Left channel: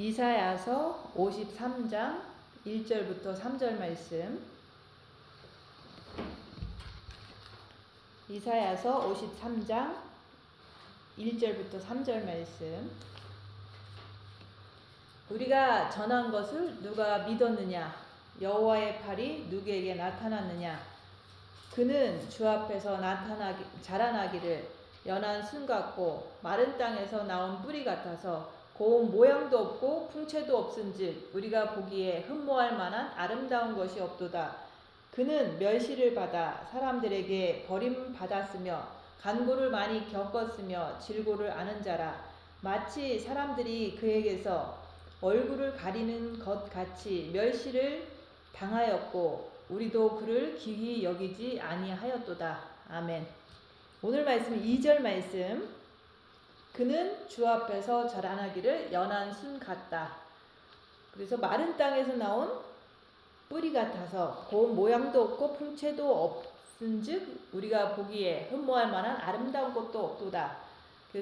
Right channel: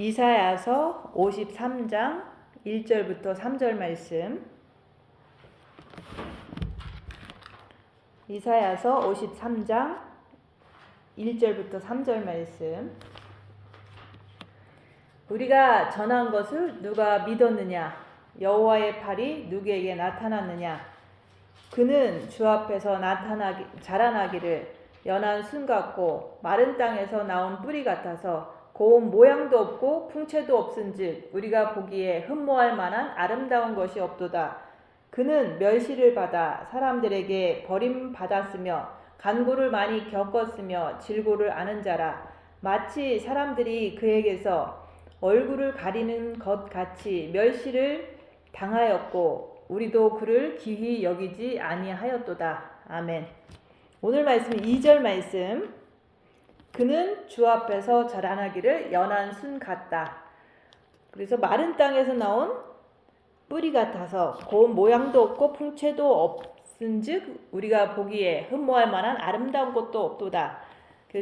이사야서 53장 1절부터 3절 말씀. 이사야서 53장 1절부터 3절 말씀. 우리가 전한 것을 누가 믿었느냐? 여호와의 팔이 누구에게 나타났느냐? 그는 주 앞에서 자라나기를 연한 순 같고 마른 땅에서 나온 뿌리 같아서 고운 모양도 없고 풍채도 없은즉 우리가 보기에 흠모할 만한 아름다운 것이 없도다. 그는 멸시를 받아 사람들에게 버림받았으며 간고를 많이 겪었으며 질고를 아는 자라. 마치 사람들이 그에게서 얼굴을 가리는 것 같이 멸시를 당하였고 우리도 그를 기히 여기지 아니하였도다. 아멘. 오늘 말씀 2절 말씀. 그는 주 앞에서 자라나기를 연한 순 같다. 그래서 마른 땅에서 나온 뿌리 같아서 고운 모양도 없고 풍채도 없은즉 우리가 보기에 흠모할 만한 아름다운 것도 없도다.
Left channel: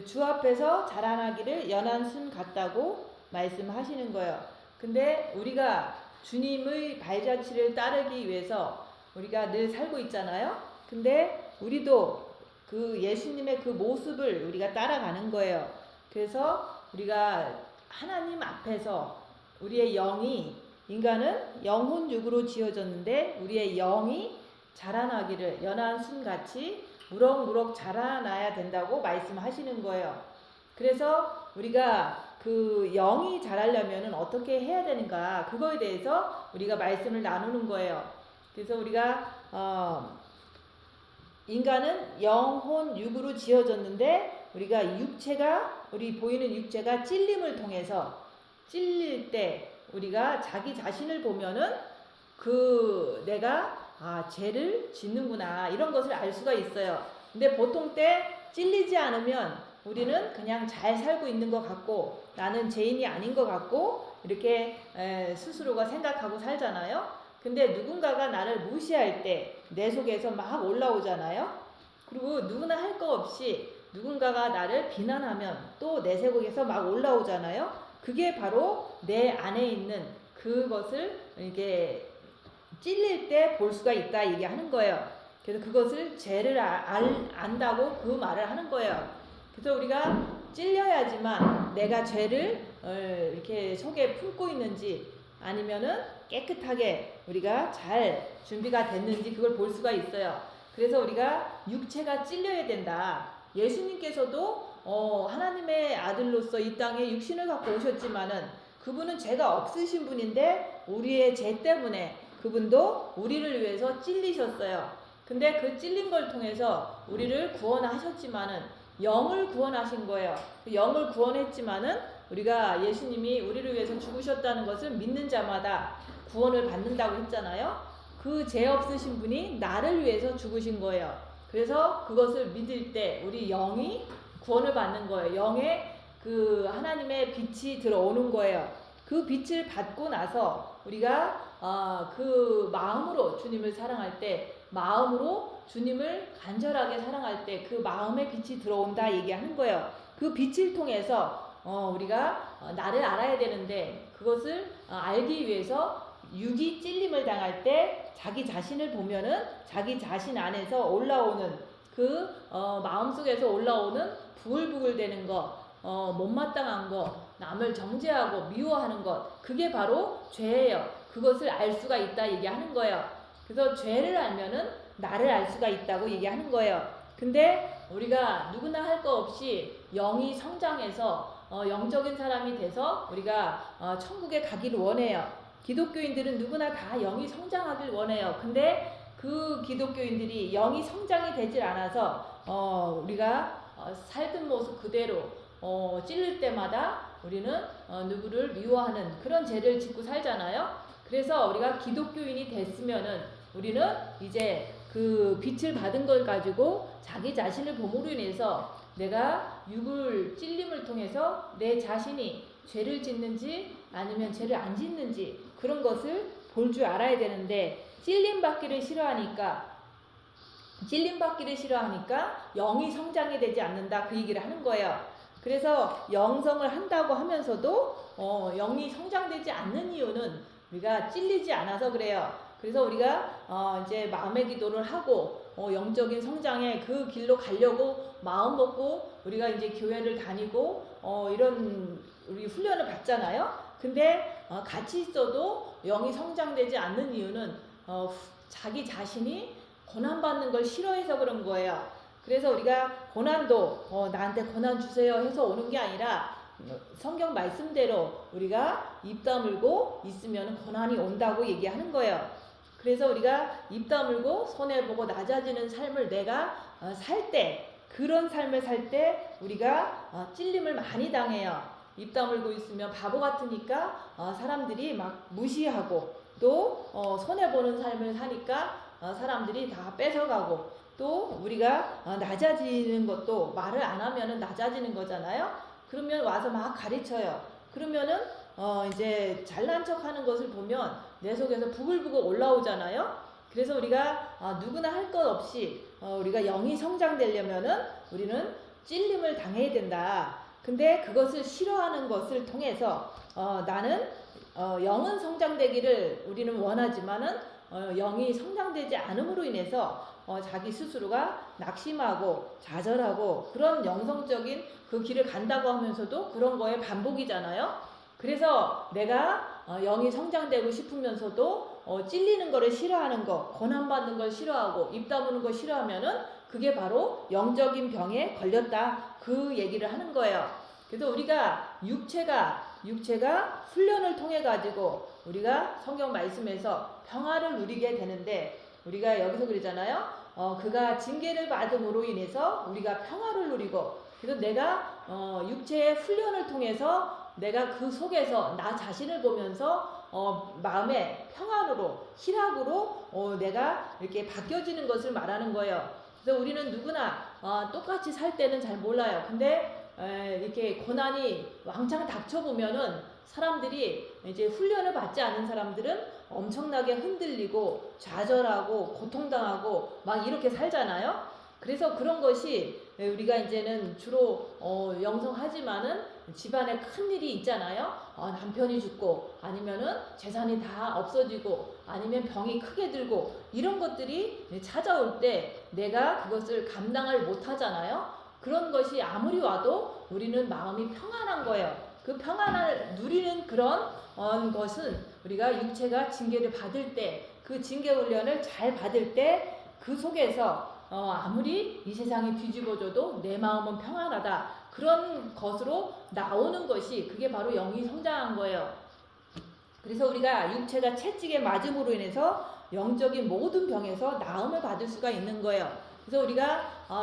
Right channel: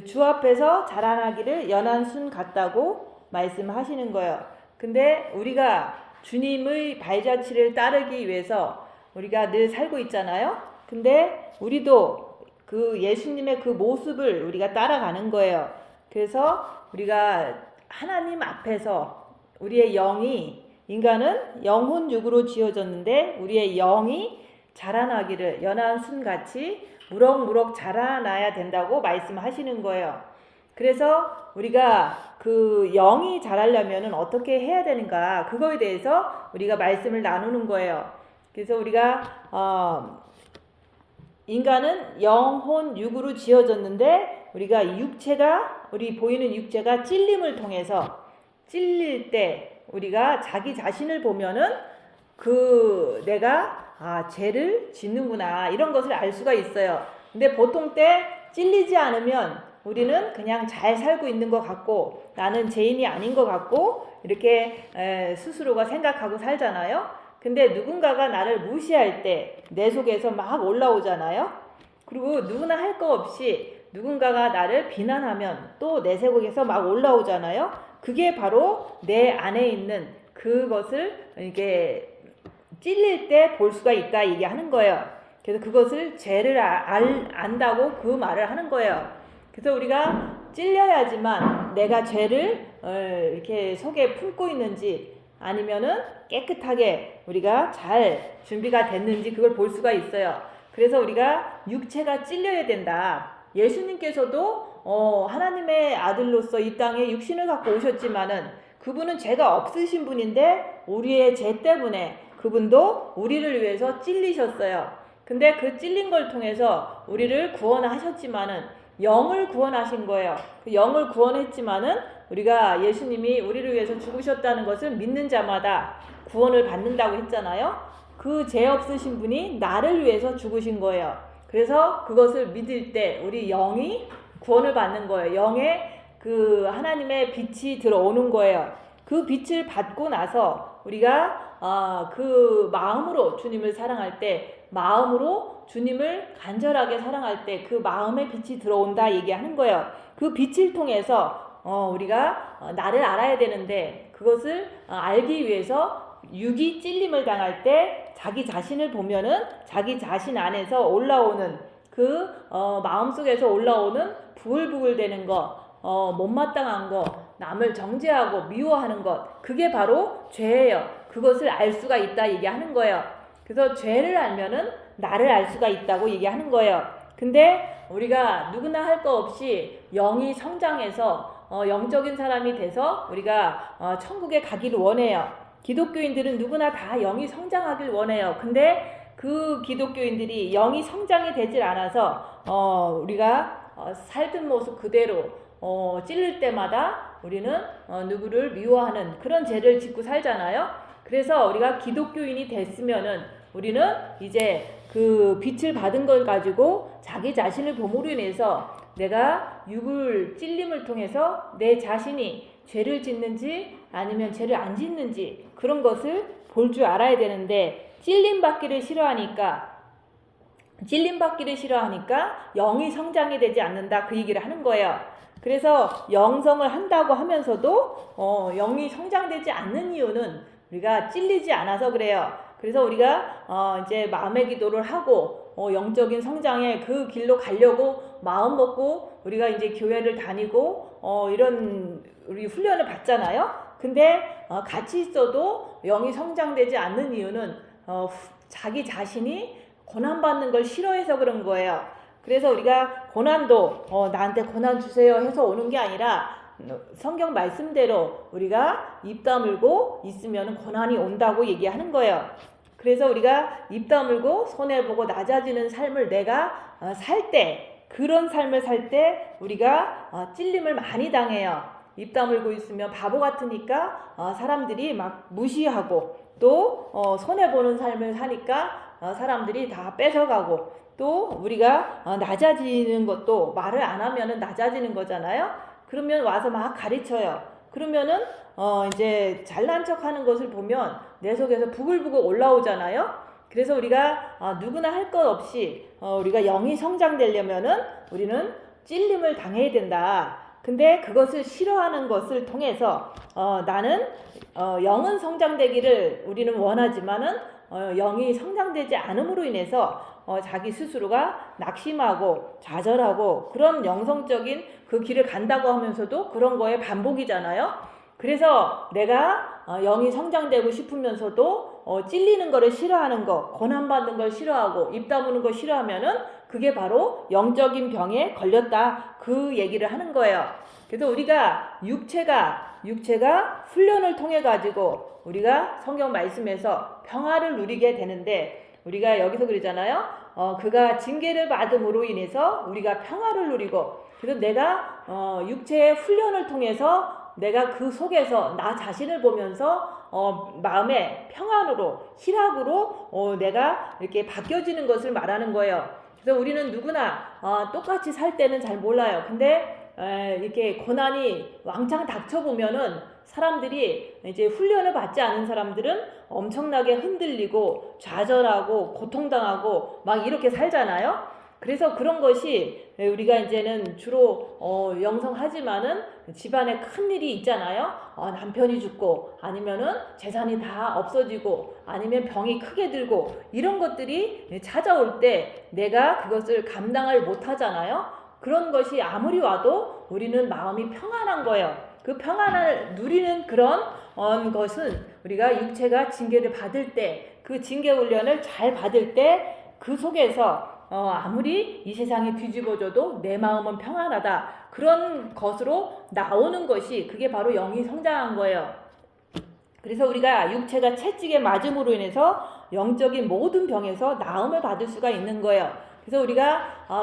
주 앞에서 자라나기를 연한 순 같다고 말씀하시는 거예요. 근데 우리가 주님의 발자취를 따르기 위해서 우리가 늘 살고 있잖아요. 근데 우리도 그 예수님의 그 모습을 우리가 따라가는 거예요. 그래서 우리가 하나님 앞에서 우리의 영이, 인간은 영혼 육으로 지어졌는데 우리의 영이 자라나기를 연한 순같이 무럭무럭 자라나야 된다고 말씀하시는 거예요. 그래서 우리가 그 영이 자라려면 어떻게 해야 되는가, 그거에 대해서 우리가 말씀을 나누는 거예요. 그래서 우리가 인간은 영혼 육으로 지어졌는데 우리가 우리 보이는 육체가 찔림을 통해서 찔릴 때 우리가 자기 자신을 보면은 내가 죄를 짓는구나 이런 것을 알 수가 있어요. 근데 보통 때 찔리지 않으면 우리는 그냥 잘 살고 있는 것 같고 나는 죄인이 아닌 것 같고 이렇게 스스로가 생각하고 살잖아요. 근데 누군가가 나를 무시할 때 내 속에서 막 올라오잖아요. 그리고 누구나 할 거 없이 누군가가 나를 비난하면 또 내 속에서 막 올라오잖아요. 그게 바로 내 안에 있는 그것을 이렇게 찔릴 때 볼 수가 있다 얘기하는 거예요. 그래서 그것을 죄를 안다고 그 말을 하는 거예요. 그래서 우리가 찔려야지만 내가 죄를 이렇게 속에 품고 있는지 아니면은 깨끗하게 우리가 잘 준비가 됐는지 그걸 볼 수가 있어요. 그래서 우리가 육체가 찔려야 된다. 예수님께서도 하나님의 아들로서 이 땅에 육신을 갖고 오셨지만은 그분은 죄가 없으신 분인데 우리의 죄 때문에 그분도 우리를 위해서 찔리셨어요. 근데 그 찔린 걸 통해서 우리를 구원하셨지만은 영을 구원하신 거예요. 그 영을 구원했지만은 우리가 예수님이 우리를 위해서 죽으셨다는 것을 믿는 자마다 구원을 받는다고 했잖아요. 그 죄 없으신 분이 나를 위해서 죽으신 거예요. 그래서 그것을 믿을 때 우리 영이 구원을 받는 거예요. 영에 그 하나님의 빛이 들어오는 거예요. 그 빛을 받고 나서 우리가 그 마음으로 주님을 사랑할 때, 마음으로 주님을 간절하게 사랑할 때 그 마음의 빛이 들어온다 얘기하는 거예요. 그 빛을 통해서 우리가 나를 알아야 되는데 그것을 알기 위해서 육이 찔림을 당할 때 자기 자신을 보면은 자기 자신 안에서 올라오는 그 마음속에서 올라오는 부글부글 되는 것, 못마땅한 것, 남을 정죄하고 미워하는 것, 그게 바로 죄예요. 그것을 알 수가 있다 얘기하는 거예요. 그래서 죄를 알면은 나를 알 수가 있다고 얘기하는 거예요. 근데 우리가 누구나 할 거 없이 영이 성장해서 영적인 사람이 돼서 우리가 천국에 가기를 원해요. 기독교인들은 누구나 다 영이 성장하길 원해요. 근데 그 기독교인들이 영이 성장이 되질 않아서 우리가 살던 모습 그대로 찔릴 때마다 우리는 누구를 미워하는 그런 죄를 짓고 살잖아요. 그래서 우리가 기독교인이 됐으면은 우리는 이제 그 빛을 받은 걸 가지고 자기 자신을 봄으로 인해서 내가 육을 찔림을 통해서 내 자신이 죄를 짓는지 아니면 죄를 안 짓는지 그런 것을 볼 줄 알아야 되는데 찔림 받기를 싫어하니까 영이 성장이 되지 않는다 그 얘기를 하는 거예요. 그래서 영성을 한다고 하면서도 영이 성장되지 않는 이유는 우리가 찔리지 않아서 그래요. 그래서 우리가 이제 마음의 기도를 하고 영적인 성장의 그 길로 가려고 마음 먹고 우리가 이제 교회를 다니고 이런 우리 훈련을 받잖아요. 근데 같이 있어도 영이 성장되지 않는 이유는 자기 자신이 고난받는 걸 싫어해서 그런 거예요. 그래서 우리가 고난도 나한테 고난 주세요 해서 오는 게 아니라 성경 말씀대로 우리가 입 다물고 있으면 고난이 온다고 얘기하는 거예요. 그래서 우리가 입 다물고 손해보고 낮아지는 삶을 내가 살 때, 그런 삶을 살 때 우리가 찔림을 많이 당해요. 입 다물고 있으면 바보 같으니까 사람들이 막 무시하고, 또 손해보는 삶을 사니까 사람들이 다 뺏어가고, 또 우리가 낮아지는 것도 말을 안 하면은 낮아지는 거잖아요. 그러면 와서 막 가르쳐요. 그러면은 이제 잘난 척하는 것을 보면 내 속에서 부글부글 올라오잖아요. 그래서 우리가 누구나 할 것 없이 우리가 영이 성장되려면은 우리는 찔림을 당해야 된다. 근데 그것을 싫어하는 것을 통해서 나는 영은 성장되기를 우리는 원하지만은 영이 성장되지 않음으로 인해서 자기 스스로가 낙심하고 좌절하고 그런 영성적인 그 길을 간다고 하면서도 그런 거에 반복이잖아요. 그래서 내가 영이 성장되고 싶으면서도 찔리는 거를 싫어하는 거, 고난받는 걸 싫어하고 입 다무는 거 싫어하면은 그게 바로 영적인 병에 걸렸다, 그 얘기를 하는 거예요. 그래서 우리가 육체가 훈련을 통해 가지고 우리가 성경 말씀에서 평화를 누리게 되는데, 우리가 여기서 그러잖아요. 그가 징계를 받음으로 인해서 우리가 평화를 누리고, 그래서 내가 육체의 훈련을 통해서 내가 그 속에서 나 자신을 보면서 마음의 평안으로, 희락으로 내가 이렇게 바뀌어지는 것을 말하는 거예요. 그래서 우리는 누구나 똑같이 살 때는 잘 몰라요. 근데 이렇게 고난이 왕창 닥쳐보면은 사람들이 이제 훈련을 받지 않은 사람들은 엄청나게 흔들리고 좌절하고 고통당하고 막 이렇게 살잖아요. 그래서 그런 것이 우리가 이제는 주로 영성하지만은 집안에 큰 일이 있잖아요. 남편이 죽고 아니면은 재산이 다 없어지고 아니면 병이 크게 들고 이런 것들이 찾아올 때 내가 그것을 감당을 못 하잖아요. 그런 것이 아무리 와도 우리는 마음이 평안한 거예요. 그 평안을 누리는 그런 것은 우리가 육체가 징계를 받을 때, 그 징계 훈련을 잘 받을 때 그 속에서 아무리 이 세상이 뒤집어져도 내 마음은 평안하다, 그런 것으로 나오는 것이 그게 바로 영이 성장한 거예요. 그래서 우리가 육체가 채찍에 맞음으로 인해서 영적인 모든 병에서 나음을 받을 수가 있는 거예요. 그래서 우리가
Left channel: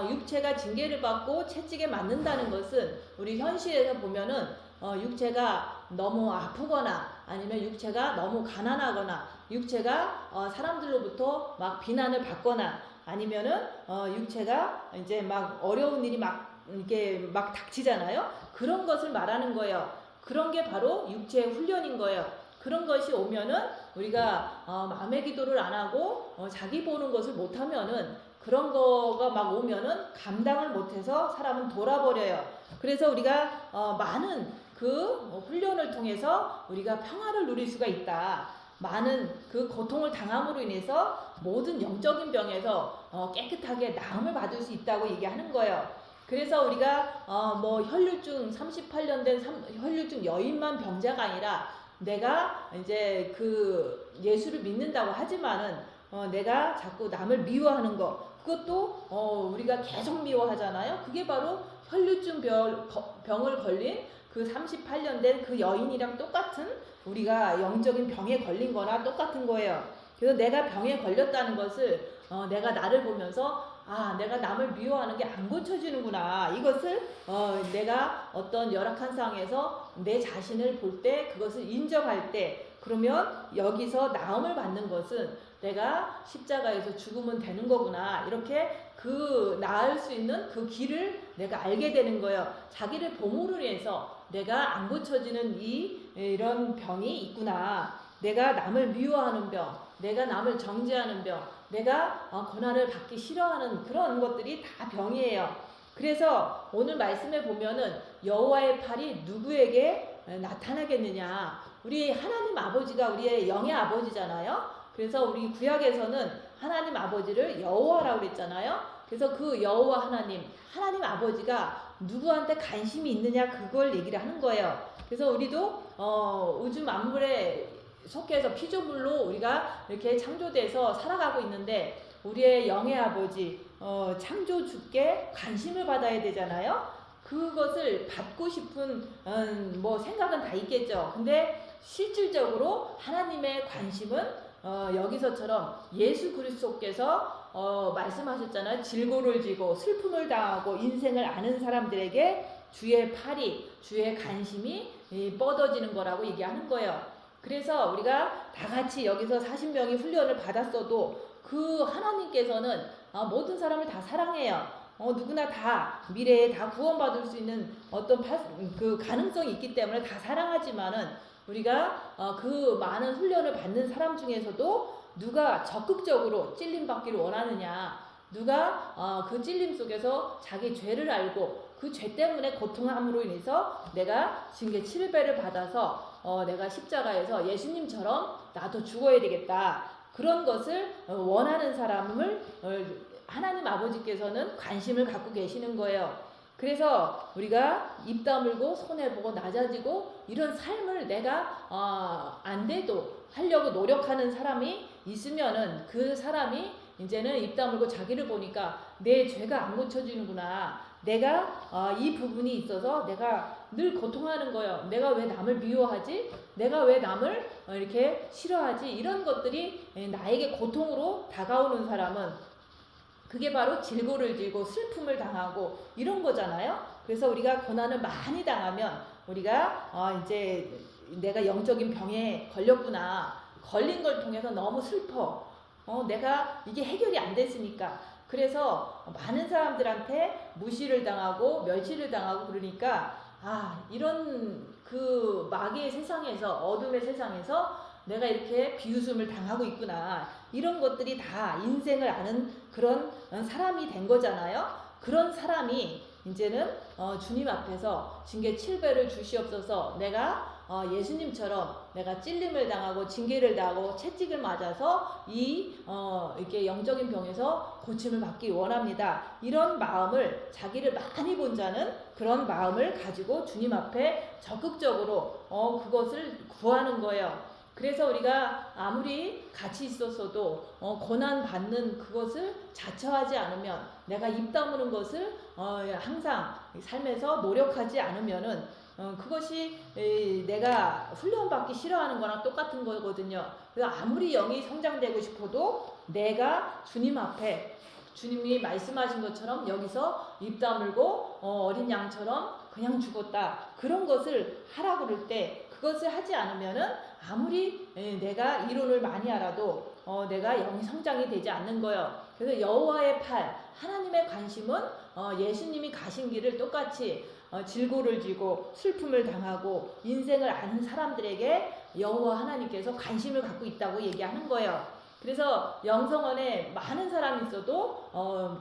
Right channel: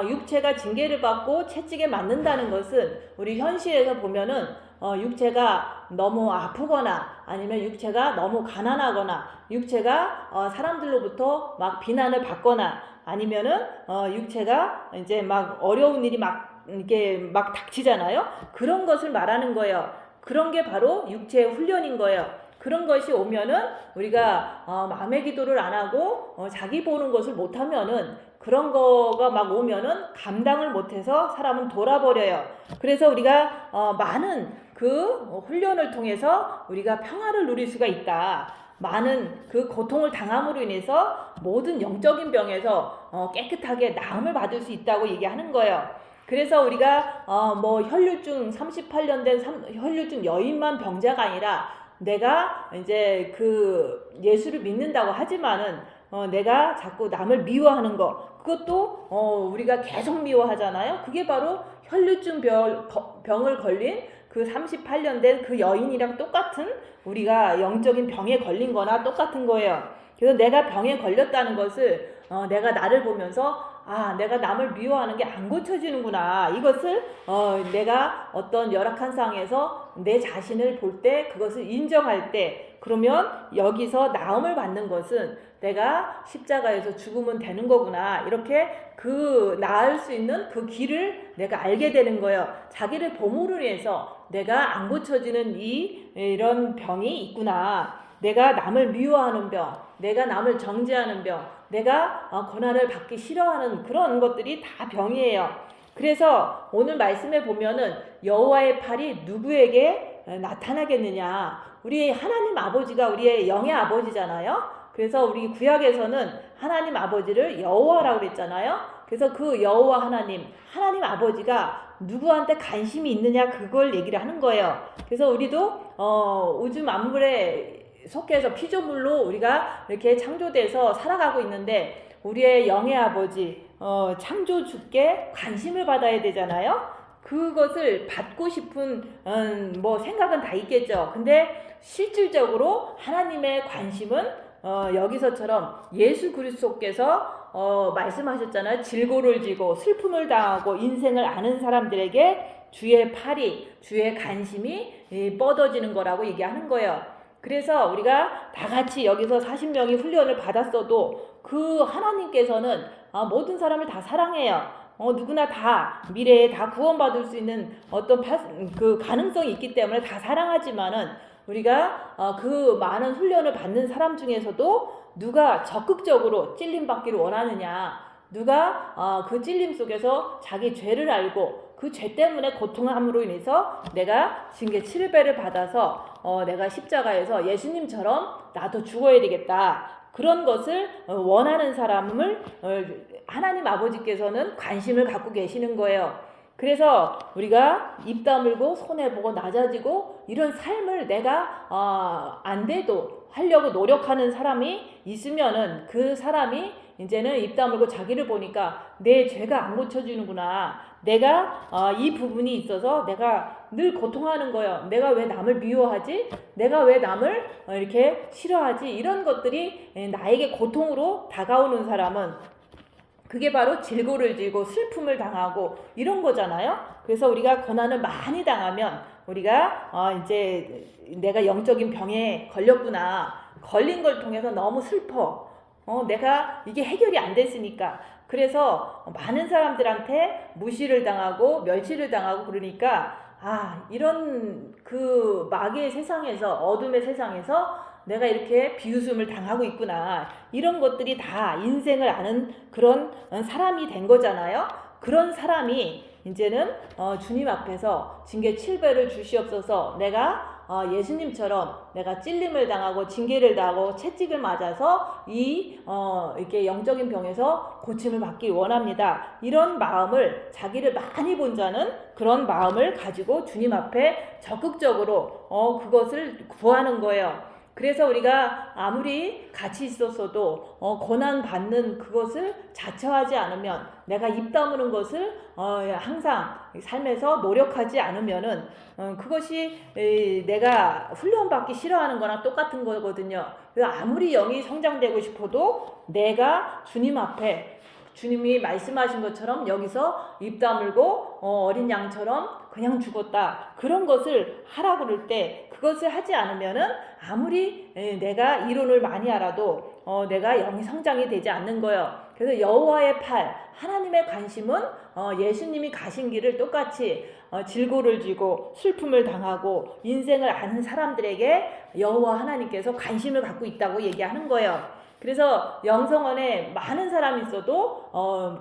육체가 징계를 받고 채찍에 맞는다는 것은 우리 현실에서 보면은 육체가 너무 아프거나 아니면 육체가 너무 가난하거나 육체가 사람들로부터 막 비난을 받거나 아니면은 육체가 이제 막 어려운 일이 막 이렇게 막 닥치잖아요. 그런 것을 말하는 거예요. 그런 게 바로 육체의 훈련인 거예요. 그런 것이 오면은 우리가 마음의 기도를 안 하고 자기 보는 것을 못 하면은 그런 거가 막 오면은 감당을 못해서 사람은 돌아버려요. 그래서 우리가 많은 그 훈련을 통해서 우리가 평화를 누릴 수가 있다. 많은 그 고통을 당함으로 인해서 모든 영적인 병에서 깨끗하게 나음을 받을 수 있다고 얘기하는 거예요. 그래서 우리가 뭐 혈류증 38년 된 혈류증 여인만 병자가 아니라 내가 이제 그 예수를 믿는다고 하지만은 내가 자꾸 남을 미워하는 거, 그것도 우리가 계속 미워하잖아요. 그게 바로 혈류증 병을 걸린 그 38년 된 그 여인이랑 똑같은, 우리가 영적인 병에 걸린 거나 똑같은 거예요. 그래서 내가 병에 걸렸다는 것을 내가 나를 보면서 내가 남을 미워하는 게 안 고쳐지는구나. 이것을 내가 어떤 열악한 상황에서 내 자신을 볼 때, 그것을 인정할 때, 그러면 여기서 나음을 받는 것은 내가 십자가에서 죽으면 되는 거구나. 이렇게 그 나을 수 있는 그 길을 내가 알게 되는 거예요. 자기를 봄으로 인해서 내가 안 고쳐지는 이런 병이 있구나. 내가 남을 미워하는 병, 내가 남을 정죄하는 병, 내가 고난을 받기 싫어하는 그런 것들이 다 병이에요. 그래서 오늘 말씀에 보면은 여호와의 팔이 누구에게 나타나겠느냐? 우리 하나님 아버지가 우리의 영의 아버지잖아요. 그래서 우리 구약에서는 하나님 아버지를 여호와라고 그랬잖아요. 그래서 그 여호와 하나님 아버지가 누구한테 관심이 있느냐 그걸 얘기를 하는 거예요. 그래서 우리도 우주 만물에 속해서 피조물로 우리가 이렇게 창조돼서 살아가고 있는데 우리의 영의 아버지 창조주께 관심을 받아야 되잖아요. 그것을 받고 싶은 뭐 생각은 다 있겠죠. 근데 실질적으로 하나님의 관심은 여기서처럼 예수 그리스도께서 말씀하셨잖아요. 질고를 지고 슬픔을 당하고 인생을 아는 사람들에게 주의 팔이 주의 관심이 뻗어지는 거라고 얘기하는 거예요. 그래서 우리가 다 같이 여기서 40명이 훈련을 받았어도 그 하나님께서는 모든 사람을 다 사랑해요. 누구나 다 미래에 다 구원받을 수 있는 어떤 그 가능성이 있기 때문에 다 사랑하지만은 우리가 그 많은 훈련을 받는 사람 중에서도 누가 적극적으로 찔림 받기를 원하느냐, 누가 그 찔림 속에서 자기 죄를 알고 그 죄 때문에 고통함으로 인해서 내가 징계 7배를 받아서 내가 십자가에서 예수님처럼 나도 죽어야 되겠다. 그런 것을 원하는 사람을 하나님 아버지께서는 관심을 갖고 계시는 거예요. 그래서 우리가 입 다물고 손해보고 낮아지고 이런 삶을 내가 안 돼도 하려고 노력하는 사람이 있으면은 그 사람이 이제는 입 다물고 자기를 보니까 내 죄가 안 고쳐지는구나. 내가 이 부분이 있어서 내가 늘 고통하는 거예요. 내가 왜 남을 미워하지? 내가 왜 남을 이렇게 싫어하지? 이런 것들이 나에게 고통으로 다가오는 사람은 그게 바로 질고를 지고 슬픔을 당하고 이런 거잖아요. 그래서 우리가 고난을 많이 당하면 우리가 이제 내가 영적인 병에 걸렸구나. 걸린 걸 통해서 너무 슬퍼. 내가 이게 해결이 안 됐으니까. 그래서 많은 사람들한테 무시를 당하고 멸시를 당하고 그러니까 이런 그 마귀의 세상에서 어둠의 세상에서 내가 이렇게 비웃음을 당하고 있구나. 이런 것들이 다 인생을 아는 그런 사람이 된 거잖아요. 그런 사람이 이제는 주님 앞에서 징계 7배를 주시옵소서. 내가 예수님처럼 내가 찔림을 당하고 징계를 당하고 채찍을 맞아서 이렇게 영적인 병에서 고침을 받기 원합니다. 이런 마음을 자기를 많이 본 자는 그런 마음을 가지고 주님 앞에 적극적으로 그것을 구하는 거예요. 그래서 우리가 아무리 같이 있었어도 고난 받는 그것을 자처하지 않으면 내가 입 다무는 것을 항상 삶에서 노력하지 않으면은 그것이 내가 훈련받기 싫어하는 거랑 똑같은 거거든요. 아무리 영이 성장되고 싶어도 내가 주님 앞에 주님이 말씀하신 것처럼 여기서 입 다물고 어린 양처럼 그냥 죽었다. 그런 것을 하라고 그럴 때 그것을 하지 않으면은 아무리 내가 이론을 많이 알아도 내가 영이 성장이 되지 않는 거예요. 그래서 여호와의 팔, 하나님의 관심은 예수님이 가신 길을 똑같이 질고를 지고 슬픔을 당하고 인생을 아는 사람들에게 여호와 하나님께서 관심을 갖고 있다고 얘기하는 거예요. 그래서 영성원에 많은 사람이 있어도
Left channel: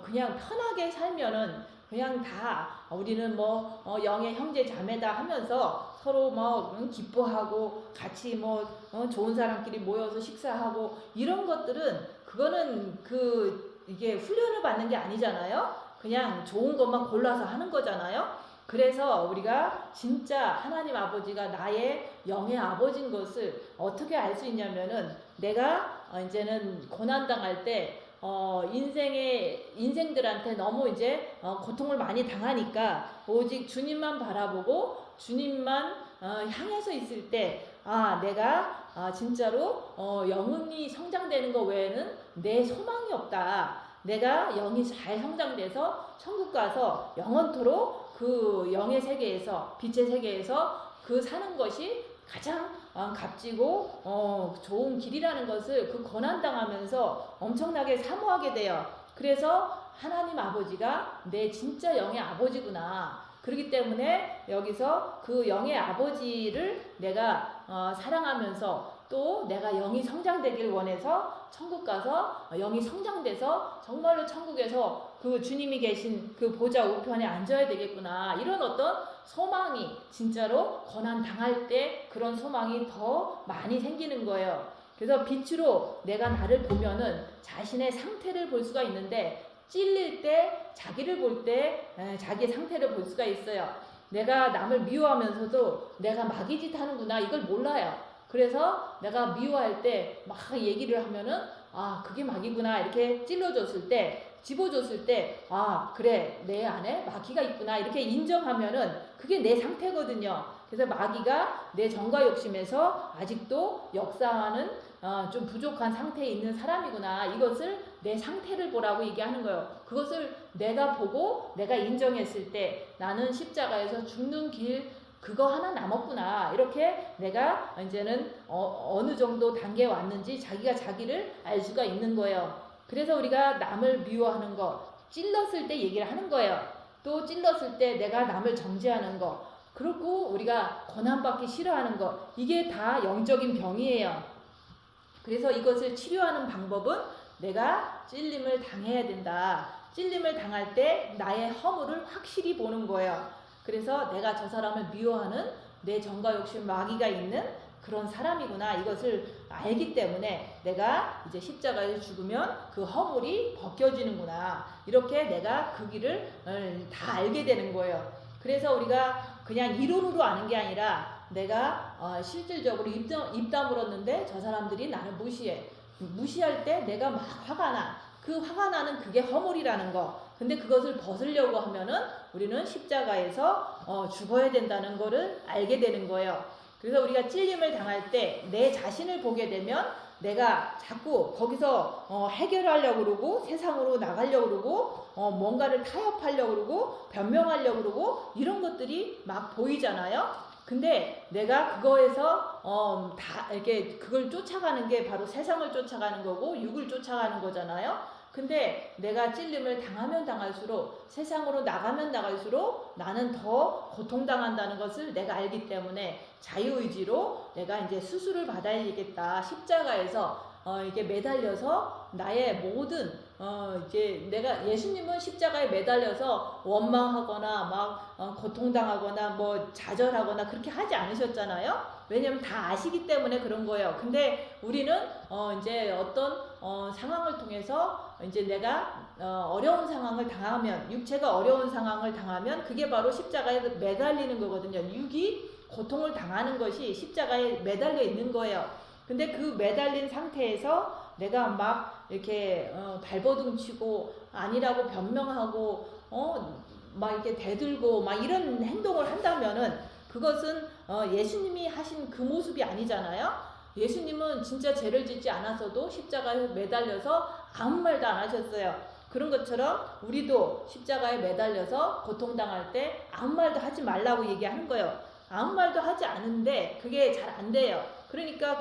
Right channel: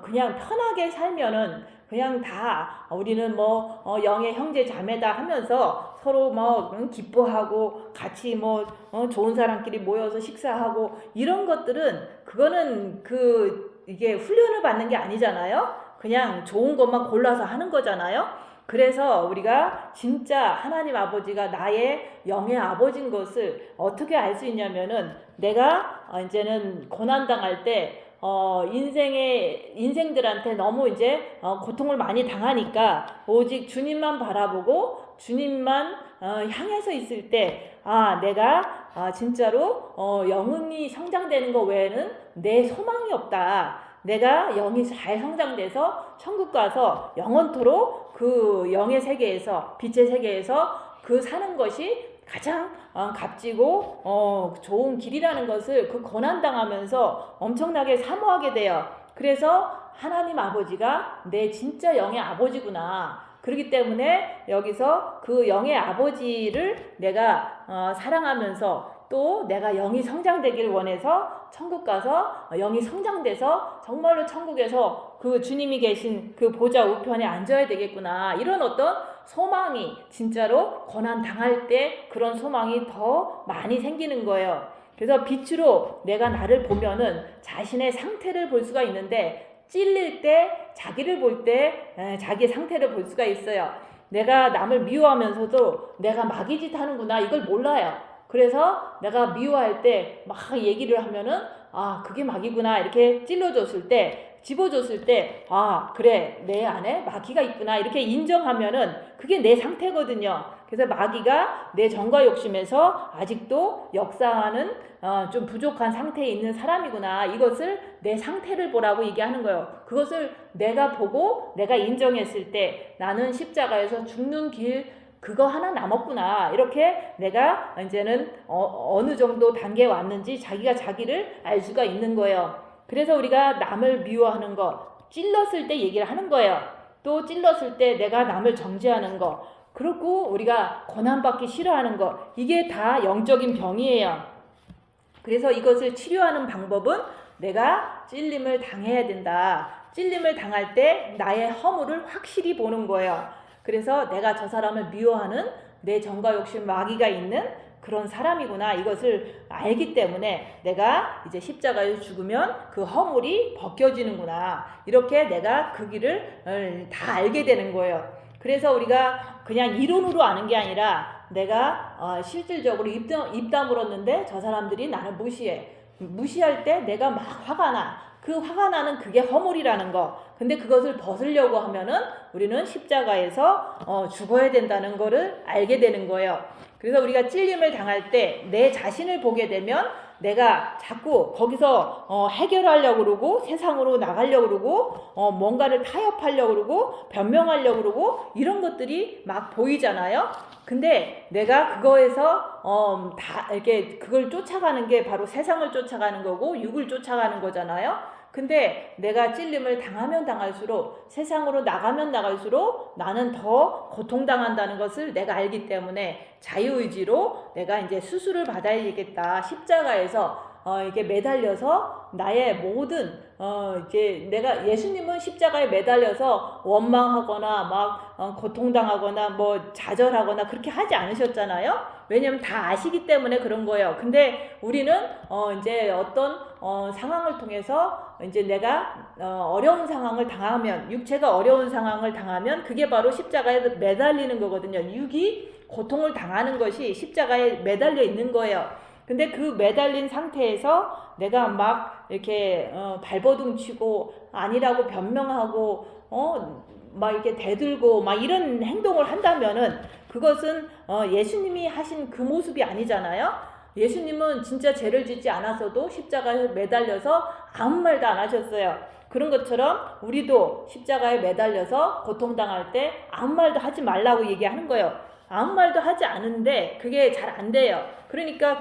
그냥 편하게 살면은 그냥 다 우리는 뭐 영의 형제 자매다 하면서 서로 뭐 기뻐하고 같이 뭐 좋은 사람끼리 모여서 식사하고 이런 것들은 그거는 이게 훈련을 받는 게 아니잖아요. 그냥 좋은 것만 골라서 하는 거잖아요. 그래서 우리가 진짜 하나님 아버지가 나의 영의 아버지인 것을 어떻게 알 수 있냐면은 내가 이제는 고난당할 때 인생들한테 너무 이제 고통을 많이 당하니까 오직 주님만 바라보고 주님만 향해서 있을 때 내가 진짜로 영혼이 성장되는 것 외에는 내 소망이 없다. 내가 영이 잘 성장돼서 천국 가서 영원토록 그 영의 세계에서 빛의 세계에서 그 사는 것이 가장 값지고 좋은 길이라는 것을 그 고난당하면서 엄청나게 사모하게 돼요. 그래서 하나님 아버지가 내 진짜 영의 아버지구나. 그렇기 때문에 여기서 그 영의 아버지를 내가 사랑하면서 또 내가 영이 성장되기를 원해서 천국 가서 영이 성장돼서 정말로 천국에서 그 주님이 계신 그 보좌 우편에 앉아야 되겠구나. 이런 어떤 소망이 진짜로 고난 당할 때 그런 소망이 더 많이 생기는 거예요. 그래서 빛으로 내가 나를 보면은 자신의 상태를 볼 수가 있는데 찔릴 때 자기를 볼 때 자기의 상태를 볼 수가 있어요. 내가 남을 미워하면서도 내가 마귀짓 하는구나 이걸 몰라요. 그래서 내가 미워할 때 막 얘기를 하면은 그게 마귀구나 이렇게 찔러줬을 때 집어줬을 때 그래 내 안에 마귀가 있구나 이렇게 인정하면은 그게 내 상태거든요. 그래서 마귀가 내 정과 욕심에서 아직도 역사하는 좀 부족한 상태에 있는 사람이구나 이것을 내 상태를 보라고 얘기하는 거예요. 그것을 내가 보고 내가 인정했을 때 나는 십자가에서 죽는 길 그거 하나 남았구나 이렇게 내가 이제는 어느 정도 단계에 왔는지 자기가 자기를 알 수가 있는 거예요. 그래서 우리가 남을 미워하는 거 찔렀을 때 얘기를 하는 거예요. 또 찔렀을 때 내가 남을 정죄하는 거 그리고 우리가 고난받기 싫어하는 거 이게 다 영적인 병이에요. 그래서 이것을 치료하는 방법은 내가 찔림을 당해야 된다. 찔림을 당할 때 나의 허물을 확실히 보는 거예요. 그래서 내가 저 사람을 미워하는 내 정과 욕심 마귀가 있는 그런 사람이구나 이것을 알기 때문에 내가 이제 십자가에 죽으면 그 허물이 벗겨지는구나 이렇게 내가 그 길을 다 알게 되는 거예요. 그래서 우리가 그냥 이론으로 아는 게 아니라 내가 실질적으로 입 다물었는데 저 사람들이 나를 무시할 때 내가 막 화가 나. 그 화가 나는 그게 허물이라는 거. 근데 그것을 벗으려고 하면은 우리는 십자가에서 죽어야 된다는 거를 알게 되는 거예요. 그래서 우리가 찔림을 당할 때 내 자신을 보게 되면 내가 자꾸 거기서 해결하려고 그러고 세상으로 나가려고 그러고 뭔가를 타협하려고 그러고 변명하려고 그러고 이런 것들이 막 보이잖아요. 근데 내가 그거에서 다 이렇게 그걸 쫓아가는 게 바로 세상을 쫓아가는 거고 육을 쫓아가는 거잖아요. 근데 내가 찔림을 당하면 당할수록 세상으로 나가면 나갈수록 나는 더 고통당한다는 것을 내가 알기 때문에 자유의지로 내가 이제 수술을 받아야 되겠다. 십자가에서 이게 매달려서 나의 모든 이제 내가 예수님은 십자가에 매달려서 원망하거나 막 고통당하거나 뭐 좌절하거나 그렇게 하지 않으셨잖아요. 왜냐면 다 아시기 때문에 그런 거예요. 근데 우리는 이제 어떤 상황을 통해서 이제 내가 어려운 상황을 당하면 육체가 어려운 상황을 당하면 그게 바로 십자가에 매달리는 거거든요. 육이 고통을 당하는 것이 십자가에 매달려 있는 거예요. 근데 그 매달린 상태에서 내가 막 이렇게 발버둥 치고 아니라고 변명하고 막 이렇게 대들고 막 이런 행동을 한다면은 그것은 예수님이 하신 그 모습이 아니잖아요. 예수님은 진짜 죄를 짓지 않았어도 십자가에 매달려서 아무 말도 안 하셨어요. 그런 것처럼 우리도 십자가에 매달려서 고통당할 때 아무 말도 하지 말라고 얘기하는 거예요. 아무 말도 하지 않은데 그게 잘 안 돼요. 그러니까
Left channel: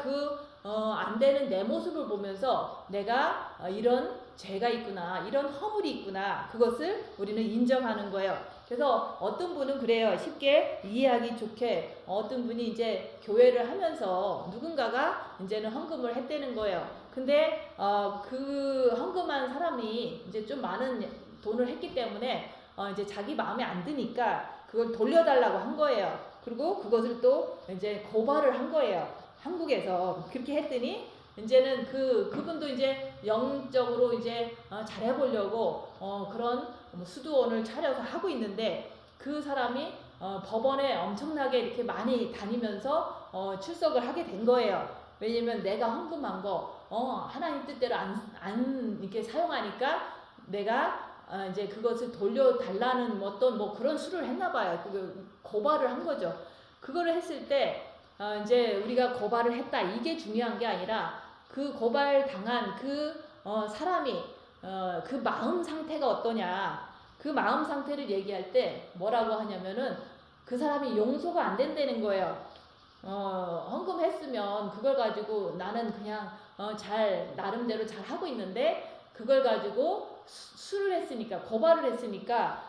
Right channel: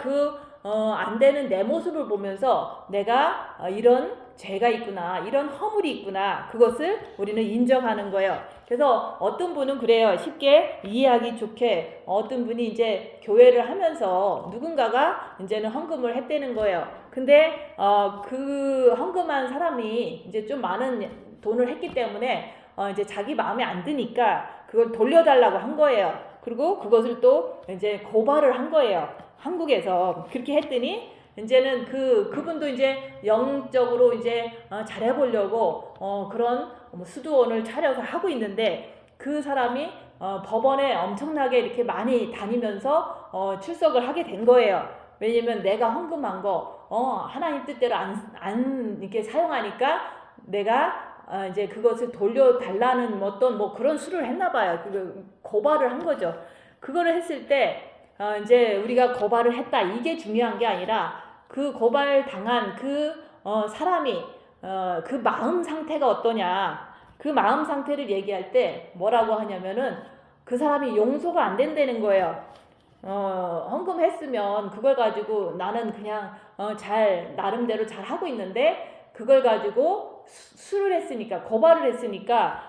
안 되는 내 모습을 보면서 내가 이런 죄가 있구나, 이런 허물이 있구나, 그것을 우리는 인정하는 거예요. 그래서 어떤 분은 그래요. 쉽게 이해하기 좋게 어떤 분이 이제 교회를 하면서 누군가가 이제는 헌금을 했다는 거예요. 근데 그 헌금한 사람이 이제 좀 많은 돈을 했기 때문에 이제 자기 마음에 안 드니까 그걸 돌려달라고 한 거예요. 그리고 그것을 또 이제 고발을 한 거예요. 한국에서 그렇게 했더니 이제는 그분도 이제 영적으로 이제 잘해보려고 그런 수도원을 차려서 하고 있는데 그 사람이 법원에 엄청나게 이렇게 많이 다니면서 출석을 하게 된 거예요. 왜냐면 내가 헌금한 거 하나님 뜻대로 안 이렇게 사용하니까 내가 이제 그것을 돌려달라는 어떤 뭐 그런 수를 했나 봐요. 그 고발을 한 거죠. 그거를 했을 때 이제 우리가 고발을 했다 이게 중요한 게 아니라 그 고발 당한 그 사람이 그 마음 상태가 어떠냐 그 마음 상태를 얘기할 때 뭐라고 하냐면은 그 사람이 용서가 안 된다는 거예요. 헌금했으면 그걸 가지고 나는 그냥 잘 나름대로 잘 하고 있는데 그걸 가지고 수를 했으니까 고발을 했으니까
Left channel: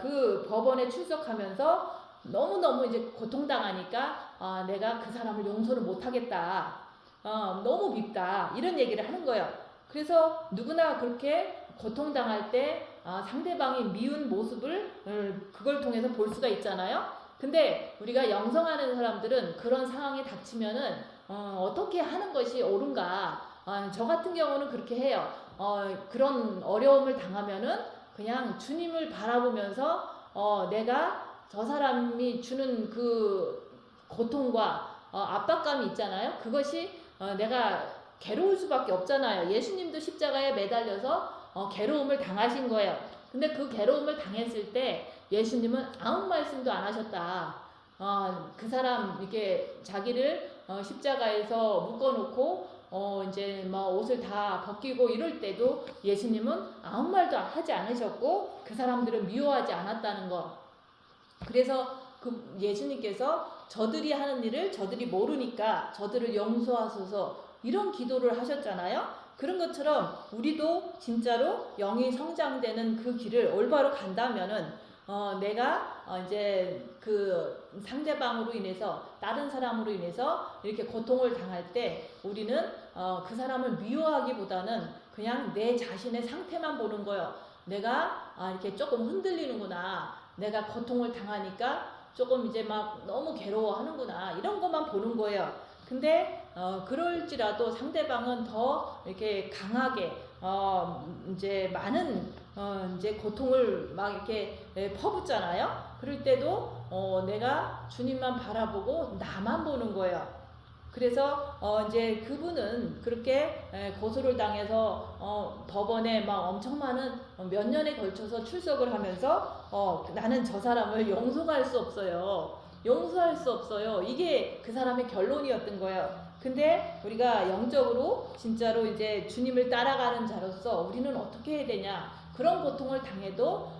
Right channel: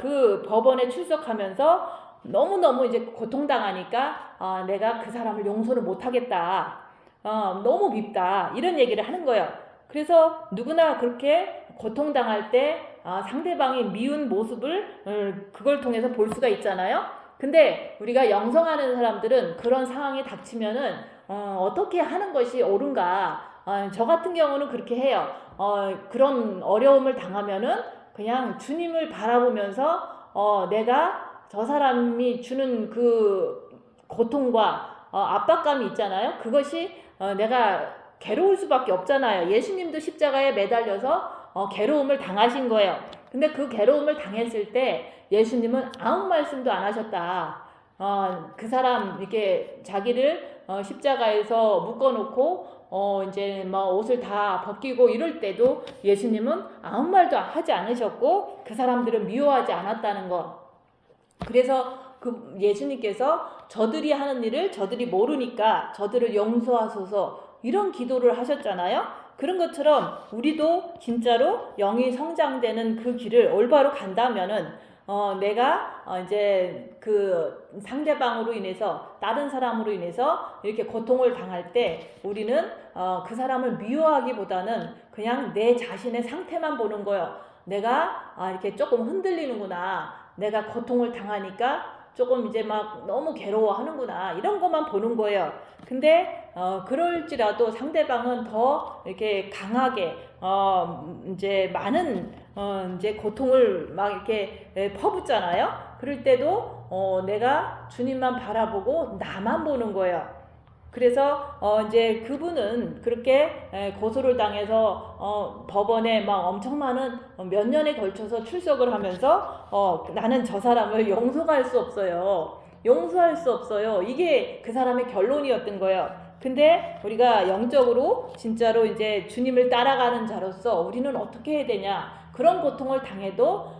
그 법원에 출석하면서 너무너무 이제 고통당하니까 내가 그 사람을 용서를 못하겠다. 너무 밉다. 이런 얘기를 하는 거예요. 그래서 누구나 그렇게 고통당할 때 상대방이 미운 모습을 그걸 통해서 볼 수가 있잖아요. 근데 우리가 영성하는 사람들은 그런 상황이 닥치면은 어떻게 하는 것이 옳은가? 저 같은 경우는 그렇게 해요. 그런 어려움을 당하면은 그냥 주님을 바라보면서 내가 저 사람이 주는 그 고통과 압박감이 있잖아요. 그것이 내가 괴로울 수밖에 없잖아요. 예수님도 십자가에 매달려서 괴로움을 당하신 거예요. 근데 그 괴로움을 당했을 때 예수님은 아무 말씀도 안 하셨다. 그 사람 이렇게 자기를 십자가에서 묶어놓고 이제 뭐 옷을 다 벗기고 이럴 때도 예수님은 아무 말도 하지 않으셨고 그 사람들은 미워하지 않았다는 것. 그래서 그 예수님께서 저들이 하는 일을 저들이 모르니까 저들을 용서하소서 이런 기도를 하셨잖아요. 그런 것처럼 우리도 진짜로 영이 성장되는 그 길을 올바로 간다면은 내가 이제 그 상대방으로 인해서 다른 사람으로 인해서 이렇게 고통을 당할 때 우리는 그 사람을 미워하기보다는 그냥 내 자신의 상태만 보는 거예요. 내가 이렇게 조금 흔들리는구나. 내가 고통을 당하니까 조금 이제 막 너무 괴로워하는구나. 이런 것만 보는 거예요. 근데 그럴지라도 상대방은 더 이렇게 강하게 이제 많은 이제 고통을 막 이렇게 퍼붓잖아요. 그럴 때도 내가 주님만 바라보고 나만 보는 거예요. 그래서 이제 그분은 그렇게 고소를 당해서 법원에 막 엄청 많은 몇 년에 걸쳐서 출석을 하면서 나는 저 사람을 용서할 수 없어요. 용서할 수 없어요. 이게 그 사람의 결론이었던 거예요. 근데 우리가 영적으로 진짜로 이제 주님을 따라가는 자로서 우리는 어떻게 해야 되냐? 그런 고통을 당해도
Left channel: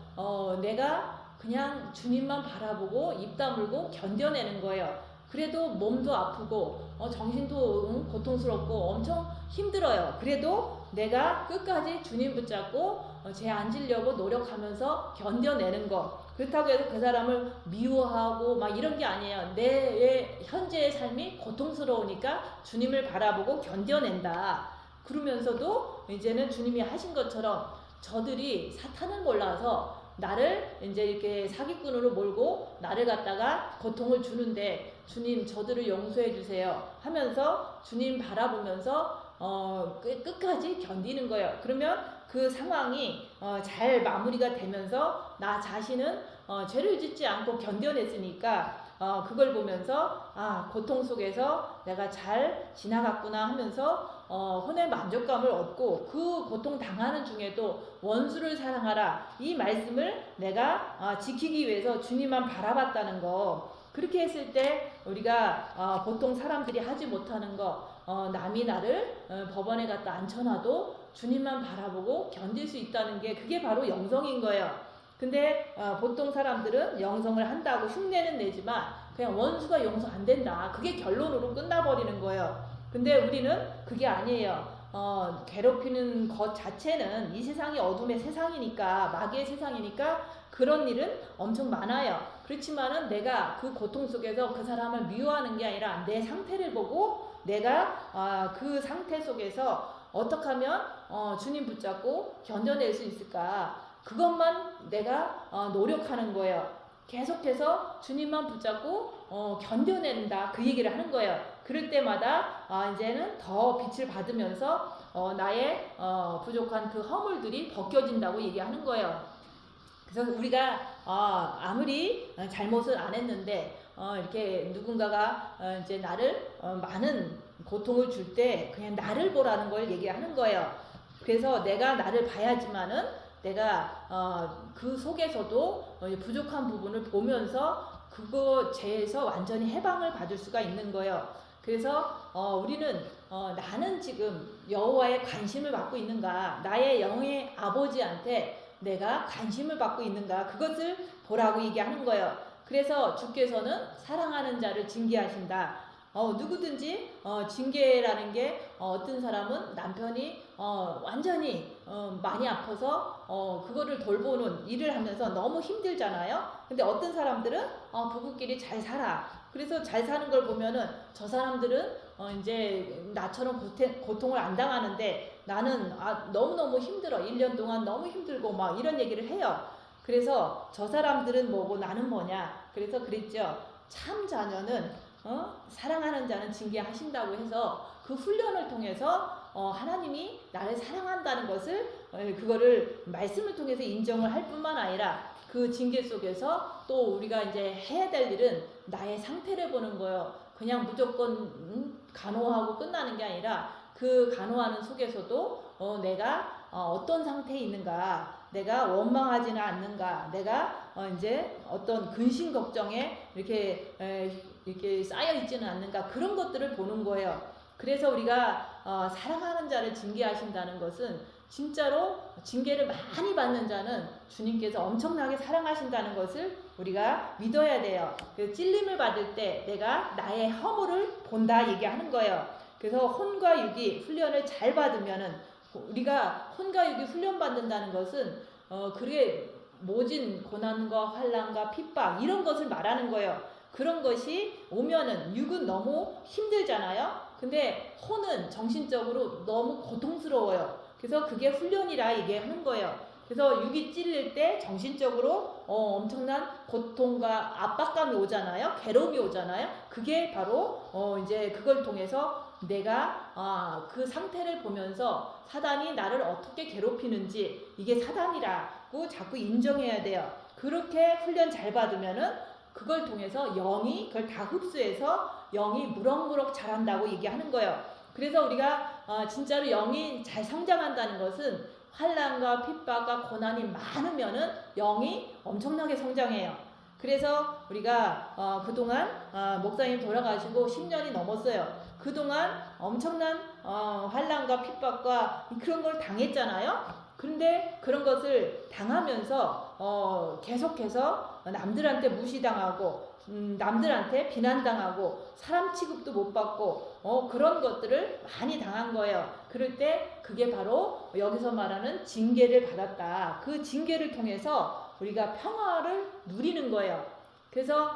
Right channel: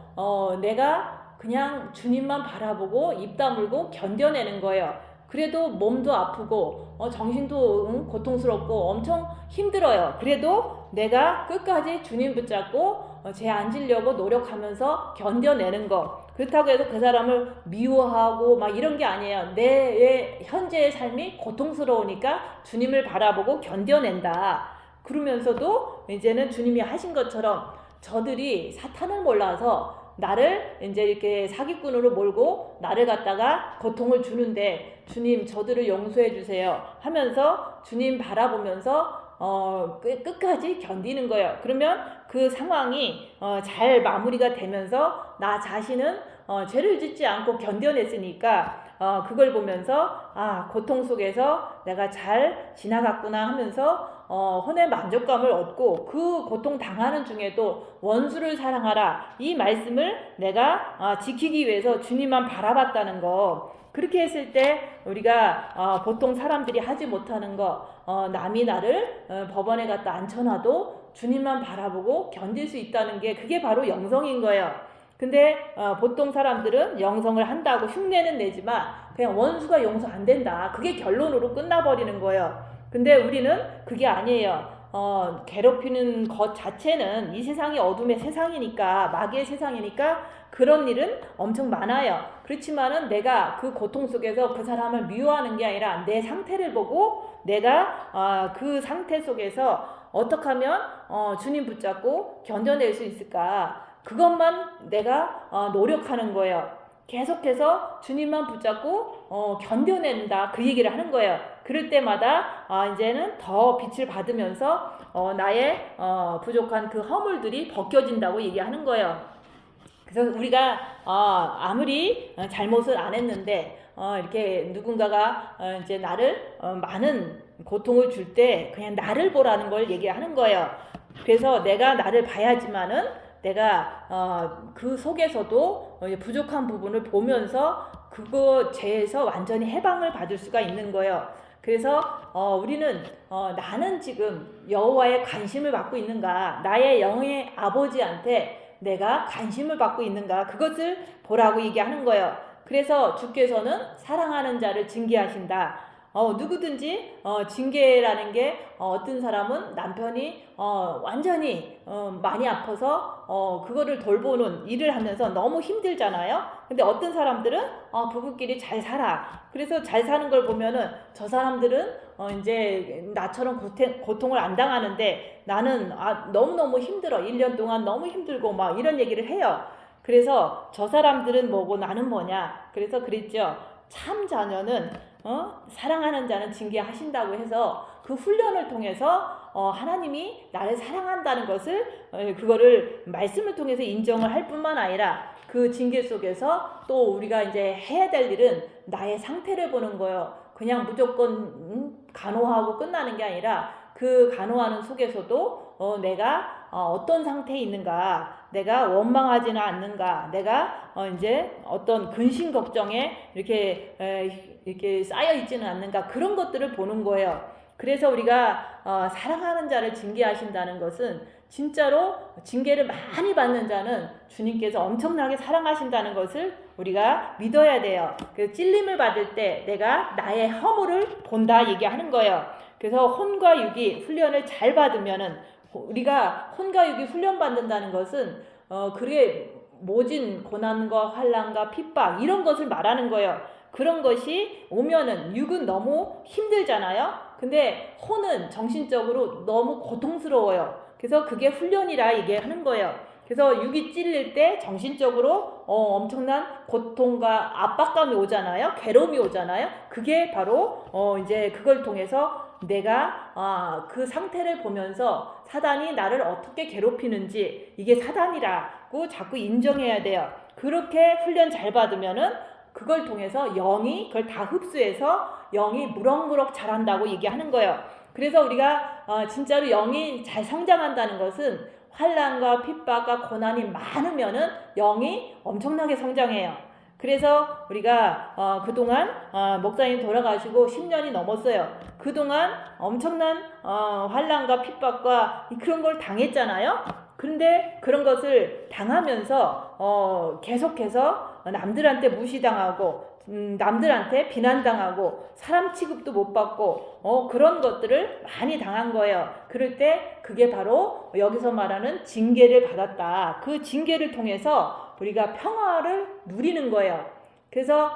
내가 그냥 주님만 바라보고 입 다물고 견뎌내는 거예요. 그래도 몸도 아프고 정신도 고통스럽고 엄청 힘들어요. 그래도 내가 끝까지 주님 붙잡고 제 앉으려고 노력하면서 견뎌내는 거. 그렇다고 해서 그 사람을 미워하고 막 이런 게 아니에요. 내 현재의 삶이 고통스러우니까 주님을 바라보고 견뎌낸다. 그러면서도 이제는 주님이 하신 것처럼 저들이 사탄을 몰라서 나를 이제 이렇게 사기꾼으로 몰고 나를 갖다가 고통을 주는데 주님 저들을 용서해 주세요 하면서 주님 바라보면서 끝까지 견디는 거예요. 그러면 그 상황이 잘 마무리가 되면서 나 자신은 죄를 짓지 않고 견뎌냈으니까 그걸 보면서 고통 속에서 내가 잘 지나갔구나 하면서 혼의 만족감을 얻고 그 고통 당하는 중에도 원수를 사랑하라 이 말씀을 내가 지키기 위해서 주님만 바라봤다는 거. 그렇게 했을 때 우리가 보통 사람들이 하지 못하는 거 남이 나를 법원에 갖다 앉혀놔도 주님만 바라보고 견딜 수 있다는 게 그게 바로 영성인 거예요. 근데 보통 사람들은 영성을 한다고 흉내는 내지만 그냥 원수가 용서 안 된다. 그게 결론으로 끝나버리는 거예요. 근데 우리는 그게 아니에요. 괴롭히는 것 자체는 이 세상이 어둠의 세상이니까 마귀의 세상이니까 그런 일은 엄청 많아요. 그렇지만은 내가 그 고통 속에서 그 사람을 미워하는 게 아니라 내 상태를 보고 내가 그 상태 속에서 어떻게 하면 주님 붙잡고 견뎌낼 수 있을까? 그것만 내가 노력하는 거예요. 계속해서 주님만 붙잡고 견뎌낸다 그 얘기를 하는 거예요. 그럴 때마다 이제는 더 빛을 받으면서 나의 부족한 그 허물들이 벗겨진다고 얘기하는 거예요. 그래서 우리가 아무리 잘못을 안 했는데 이렇게 누군가가 이제 나를 많은 고통을 줄 때 그냥 나를 보라는 걸 얘기하는 거예요. 그래서 내가 나를 봐야지만은 내가 그 속에서도 부족한 부분을 보면서 그거 죄에서 완전히 해방을 받을 수가 있는 거예요. 그래서 우리는 나는 지금 여호와의 관심을 받고 있는가, 나의 영의 아버지한테 내가 관심을 받고 있는가, 그것을 보라고 얘기하는 거예요. 그래서 주께서는 사랑하는 자를 징계하신다. 누구든지 징계라는 게 어떤 사람은 남편이 완전히 많이 아파서 그거를 돌보는 일을 하면서 너무 힘들잖아요. 근데 어떤 사람들은 부부끼리 잘 살아. 그래서 잘 사는 걸 보면은 저 사람들은 이제 나처럼 고통을 안 당하는데 나는 너무너무 힘들어. 1년 동안 너무 힘들고 막 이런 얘기를 해요. 그래서 저 사람들은 뭐고 나는 뭐냐. 그래서 그랬죠. 참 자녀는 사랑하는 자는 징계하신다고 해서 그 훈련을 통해서 하나님이 나를 사랑한다는 것을 그거를 말씀을 통해서 인정을 할 뿐만 아니라 그 징계 속에서 또 우리가 이제 해야 될 일은 나의 상태를 보는 거예요. 그냥 무조건 간호하고 끝나는 게 아니라 그 간호하는 속에서도 내가 어떤 상태에 있는가, 내가 원망하지는 않는가, 내가 이제 어떤 근심 걱정에 이렇게 쌓여 있지는 않는가, 그런 것들을 보는 거예요. 그래서 우리가 사랑하는 자를 징계하신다는 것은 진짜로 징계를 많이 받는 자는 주님께서 엄청나게 사랑하신다는 것을 우리가 믿어야 돼요. 그래서 찔림을 받을 때 내가 나의 허물을 본다 얘기하는 거예요. 그래서 혼과 육이 훈련을 잘 받으면은 우리가 혼과 육이 훈련 받는다는 것은 그게 모진 고난과 환난과 핍박 이런 것을 말하는 거예요. 그런 것이 오면은 육은 너무 힘들잖아요. 근데 혼은 정신적으로 너무 고통스러워요. 그래서 그게 훈련이라 얘기하는 거예요. 그래서 육이 찔릴 때 정신적으로 엄청난 고통과 압박감이 오잖아요. 괴로움이 오잖아요. 그게 바로 이제 그걸 통해서 내가 그 상태를 보면서 사단이 나를 어떻게 괴롭히는지 이게 사단이라고 자꾸 인정해야 돼요. 그렇게 훈련 잘 받으면은 그걸 통해서 영이 그걸 다 흡수해서 영이 무럭무럭 자란다고 얘기하는 거예요. 그래서 우리가 진짜로 영이 잘 성장한다는 것은 환난과 핍박과 고난이 많으면은 영이 엄청나게 성장해요. 그래서 우리가 그동안 목사님 돌아가시고 10년이 넘었어요. 그동안 엄청난 환난과 핍박과 그런 걸 당했잖아요. 그런데 그런 것을 당하면서 계속해서 남들한테 무시당하고 남들한테 비난당하고 사람 취급도 못 받고 그런 것들을 많이 당한 거예요. 그럴 때 그게 바로 여기서 말하는 징계를 받았다. 그 징계를 통해서 우리가 평화를 누리는 거예요. 그래서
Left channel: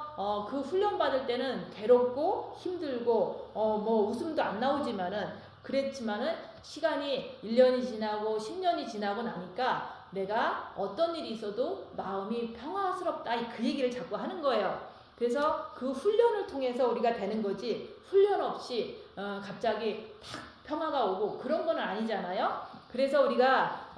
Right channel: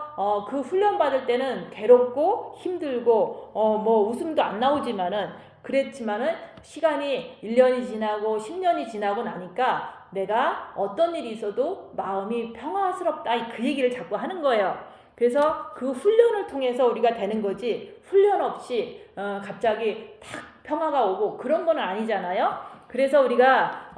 그 훈련 받을 때는 괴롭고 힘들고 뭐 웃음도 안 나오지만은 그랬지만은 시간이 1년이 지나고 10년이 지나고 나니까 내가 어떤 일이 있어도 마음이 평화스럽다 그 얘기를 자꾸 하는 거예요. 그래서 그 훈련을 통해서 우리가 되는 거지 훈련 없이 갑자기 탁 평화가 오고 그런 건 아니잖아요. 그래서 우리가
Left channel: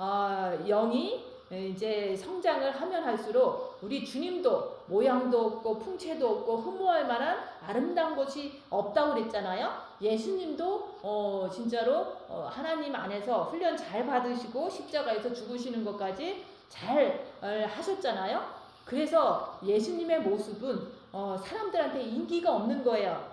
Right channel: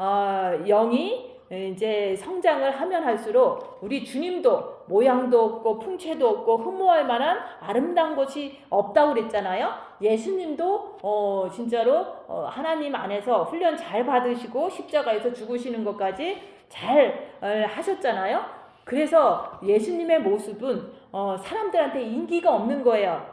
영이 이제 성장을 하면 할수록 우리 주님도 모양도 없고 풍채도 없고 흠모할 만한 아름다운 것이 없다고 그랬잖아요. 예수님도 진짜로 하나님 안에서 훈련 잘 받으시고 십자가에서 죽으시는 것까지 잘 하셨잖아요. 그래서 예수님의 모습은 사람들한테 인기가 없는 거예요.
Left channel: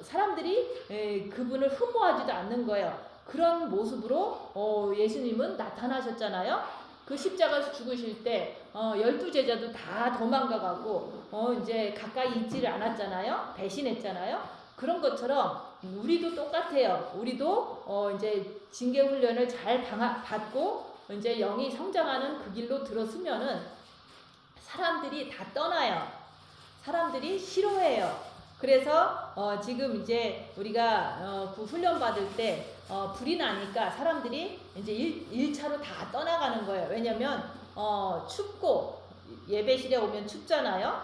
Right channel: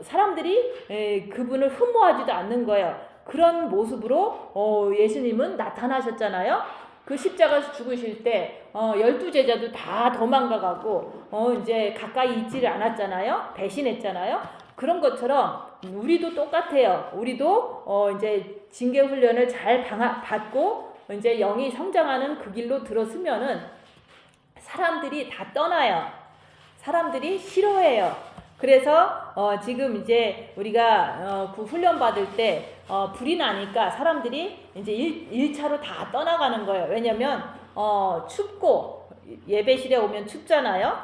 사람들이 그분을 흠모하지도 않는 거예요. 그런 모습으로 예수님은 나타나셨잖아요. 그 십자가에서 죽으실 때 12제자도 다 도망가가고 이제 가까이 있지를 않았잖아요. 배신했잖아요. 그런 것처럼 우리도 똑같아요. 우리도 이제 징계 훈련을 잘 받고 이제 영이 성장하는 그 길로 들어서면은 사람들이 다 떠나요. 사람들이 싫어해요. 그래서 지금 이제 우리가 그 훈련 받을 때 불이 나니까 사람들이 이제 1차로 다 떠나가는 거예요. 왜냐면 춥고 예배실에 오면 춥잖아요.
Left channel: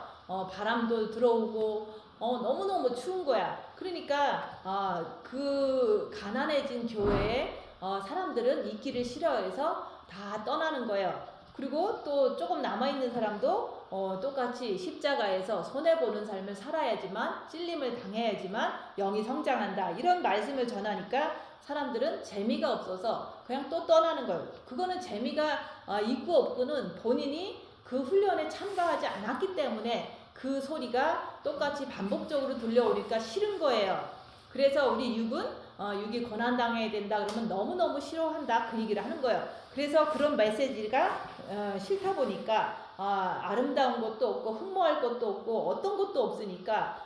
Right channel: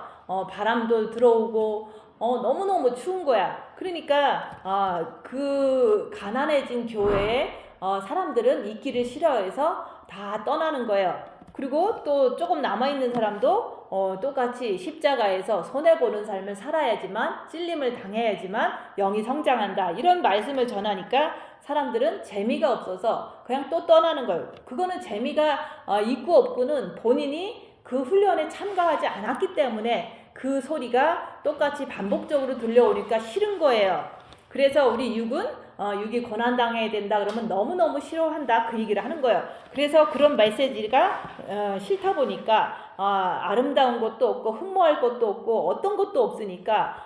바람도 들어오고 너무너무 추운 거야. 그러니까 그 가난해진 교회에 사람들은 있기를 싫어해서 다 떠나는 거예요. 그리고 또 조금 남아있는 사람도 똑같이 십자가에서 손해보는 삶을 살아야지만 찔림을 당해야지만 영이 성장한다 이런 말씀을 전하니까 사람들은 재미가 없어서 그냥 또 떠나는 거예요. 그거는 재미가 있고 없고는 본인이 그 훈련에 참가하지 않았기 때문에 그 소리가 똑같이 반복적으로 들려오니까 싫은 거예요. 그래서 우리 육이 고난당해야 된다 그러면 너무너무 싫어한다 그 얘기를 하는 거예요. 그래서 그런 메시지가 싫다 보니까 아름다운 것도 없고 흠모할 것도 없고 어떤 것도 없으니까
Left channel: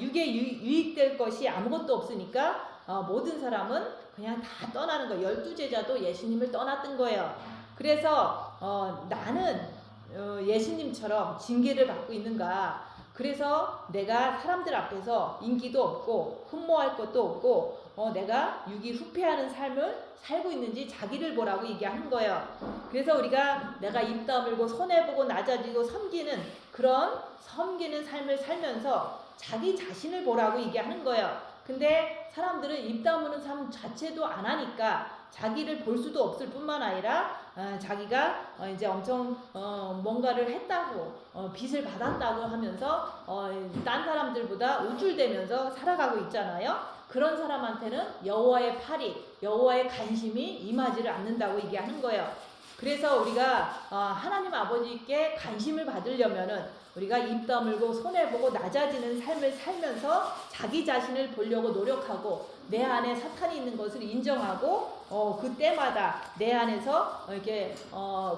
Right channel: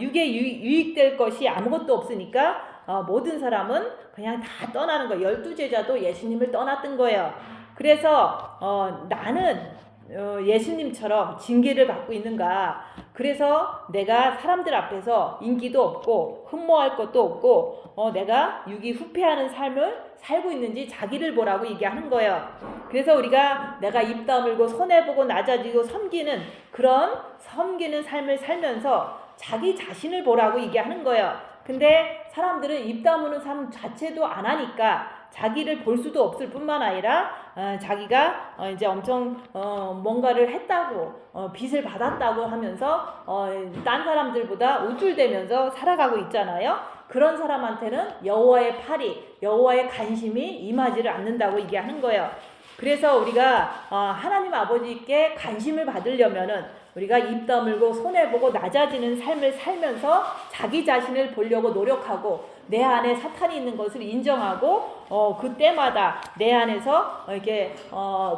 육에 유익될 것이 아무것도 없으니까 모든 사람은 그냥 다 떠나는 거예요. 12제자도 예수님을 떠났던 거예요. 그래서 나는 예수님처럼 징계를 받고 있는가? 그래서 내가 사람들 앞에서 인기도 없고 흠모할 것도 없고 내가 유기 후패하는 삶을 살고 있는지 자기를 보라고 얘기하는 거예요. 그래서 우리가 내가 입 다물고 손해보고 낮아지고 섬기는 삶을 살면서 자기 자신을 보라고 얘기하는 거예요. 근데 사람들은 입 다무는 삶 자체도 안 하니까 자기를 볼 수도 없을 뿐만 아니라 자기가 이제 엄청 뭔가를 했다고 빚을 받았다고 하면서 딴 사람들보다 우쭐대면서 살아가고 있잖아요. 그런 사람한테는 여호와의 팔이, 여호와의 간심이 임하지를 않는다고 얘기하는 거예요. 그래서 우리가 하나님 아버지께 관심을 받으려면은 우리가 입 다물고 손해보고 낮아지는 삶을 살면서 자기 자신을 보려고 노력하고 내 안에 사탄이 있는 것을 인정하고 그때마다 내 안에서 이렇게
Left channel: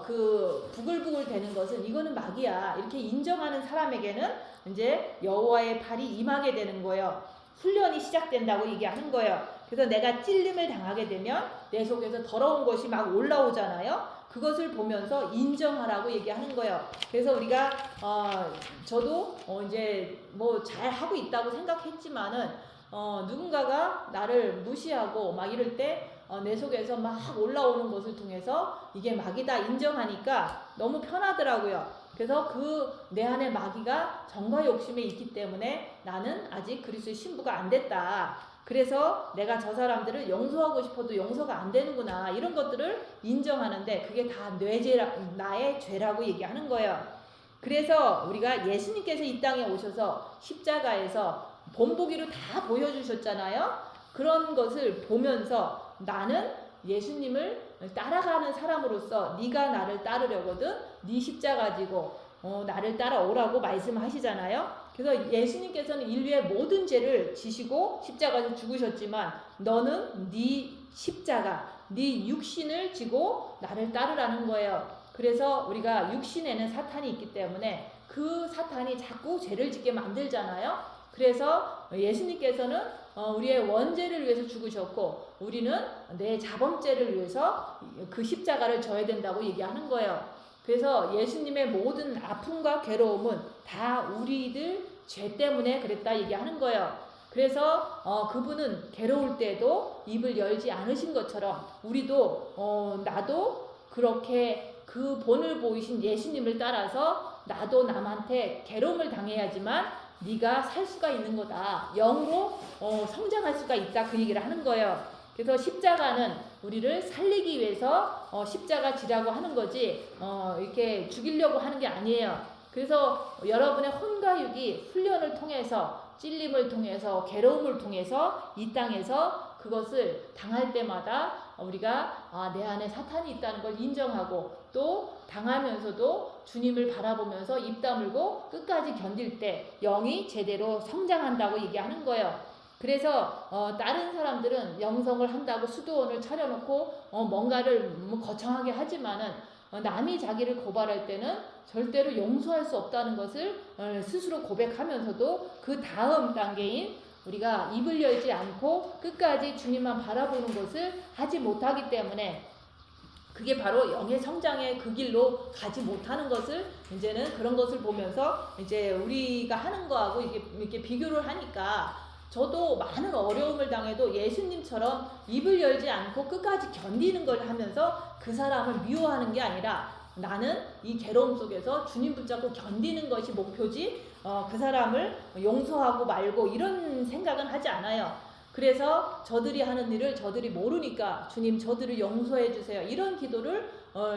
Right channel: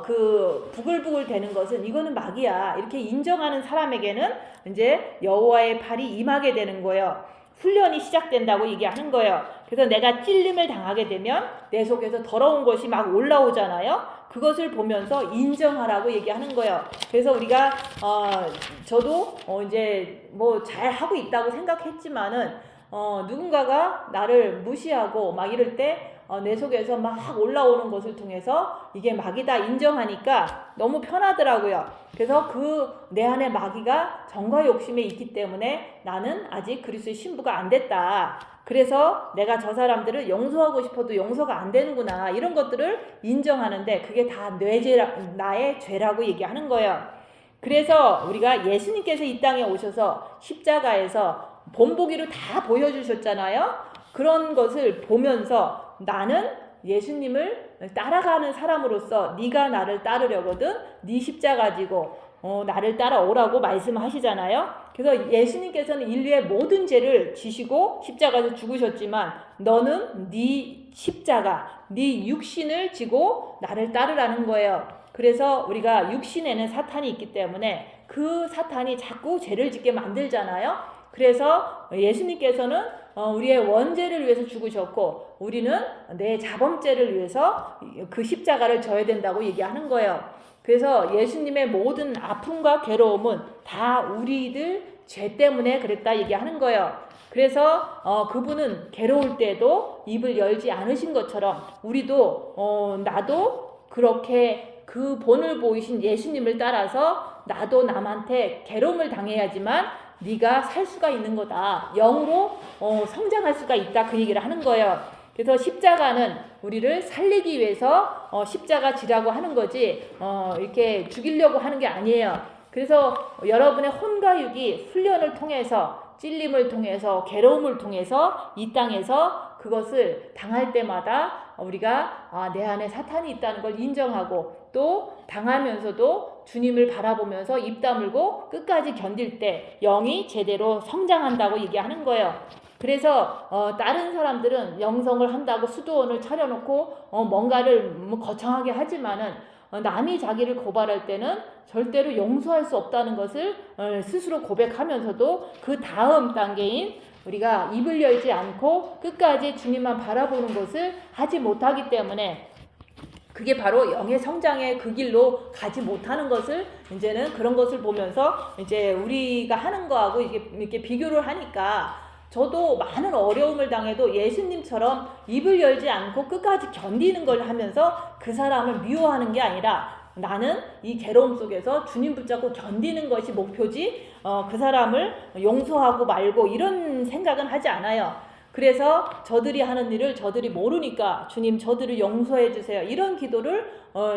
그 부글부글 되는 것은 이거는 마귀야 이렇게 인정하는 사람에게는 이제 여호와의 팔이 임하게 되는 거예요. 훈련이 시작된다고 얘기하는 거예요. 그래서 내가 찔림을 당하게 되면 내 속에서 더러운 것이 막 올라오잖아요. 그것을 보면서 인정하라고 얘기하는 거예요. 그래서 우리가 저도 이제 뭐 잘 하고 있다고 생각했지만은 누군가가 나를 무시하고 막 이럴 때 내 속에서 막 올라오는 것을 통해서 이게 마귀다 인정하니까 너무 편하더라고요. 그래서 그 내 안에 마귀가 정과 욕심에 있기 때문에 나는 아직 그리스도의 신부가 안 됐다. 그래서 내가 저 사람들을 용서하고 싶어도 용서가 안 되는구나 이런 것들을 인정하는데 그게 다 나의 죄라고 얘기하는 거예요. 그래서 우리가 예수님께서 이 땅에 오셔서 십자가에서 본보기로 다 보여주셨잖아요. 그런 것을 보면서 나는 예수님을 따라가는 사람으로서 네가 나를 따르려거든 네 십자가 지고 나를 따라오라고 말씀하시잖아요. 그래서 예수님께서는 인류의 모든 죄를 지시고 십자가에서 죽으셨지만 너는 네 십자가, 네 육신을 지고 나를 따르라는 거예요. 그래서 우리가 육신에는 사탄이 있기 때문에 그 사탄이 자꾸 죄를 짓게 만들잖아요. 그래서 예수님께서는 우리의 원죄를 위해서 죽으셨고 우리는 내 자범죄를 위해서 그 십자가를 져야 된다고 얘기하는 거예요. 그래서 예수님의 모든 아픔과 괴로움은 다 우리들 죄 때문에 그랬다 얘기하는 거예요. 그래서 그분은 괴로울 때도 입을 열지 않으신 것처럼 우리도 나도 그렇게 그 본을 보이신 예수님을 따라서 나도 남한테 괴로움을 당해야지만 네가 살 수가 있는 거다. 영으로 성장할 수가 있다. 그 얘기를 하는 거예요. 그래서 십자가는 우리를 살리기 위해서 십자가 지라고 하는 거지 이렇게 죽이려고 하는 게 아니에요. 그래서 여러분의 혼과 육이 훈련을 통해서 찔림을 통해서 괴로움을 통해서 이 땅에서 그것을 당할 때마다 우리가 내 안에 사탄이 있다는 걸 인정하고 또 당하면서도 주님을 바라보면서 입 다물고 끝까지 견딜 때 영이 제대로 성장한다고 얘기하는 거예요. 그래서 다른 사람들은 영성을 한다고 수도원을 차려놓고 뭔가를 거창하게 하지만은 남이 자기를 고발할 때는 절대로 용서할 수 없다는 것을 스스로 고백하면서도 그 다음 단계인 우리가 입을 열지 않고 끝까지 주님만 바라보는 것을 하지 못하기 때문에 그게 바로 영의 성장의 그 길로 가지 못하는 것을 이제는 그런 것을 보면서 이제 우리가 하는 거하고 이렇게 비교를 하니까 저도 많은 어려움을 당해도 예수님처럼 입을 열지 않고 끝까지 견디는 걸 하면서 그 사람을 미워하는 게 아니라 나는 이 괴로움 속에서 주님 붙잡고 견디는 것이 목표지 그 사람을 용서하고 말고 이런 생각은 하지 않아요. 그래서 저들이 하는 일을 저들이 모르니까 주님 저들을 용서해 주세요. 이런 기도를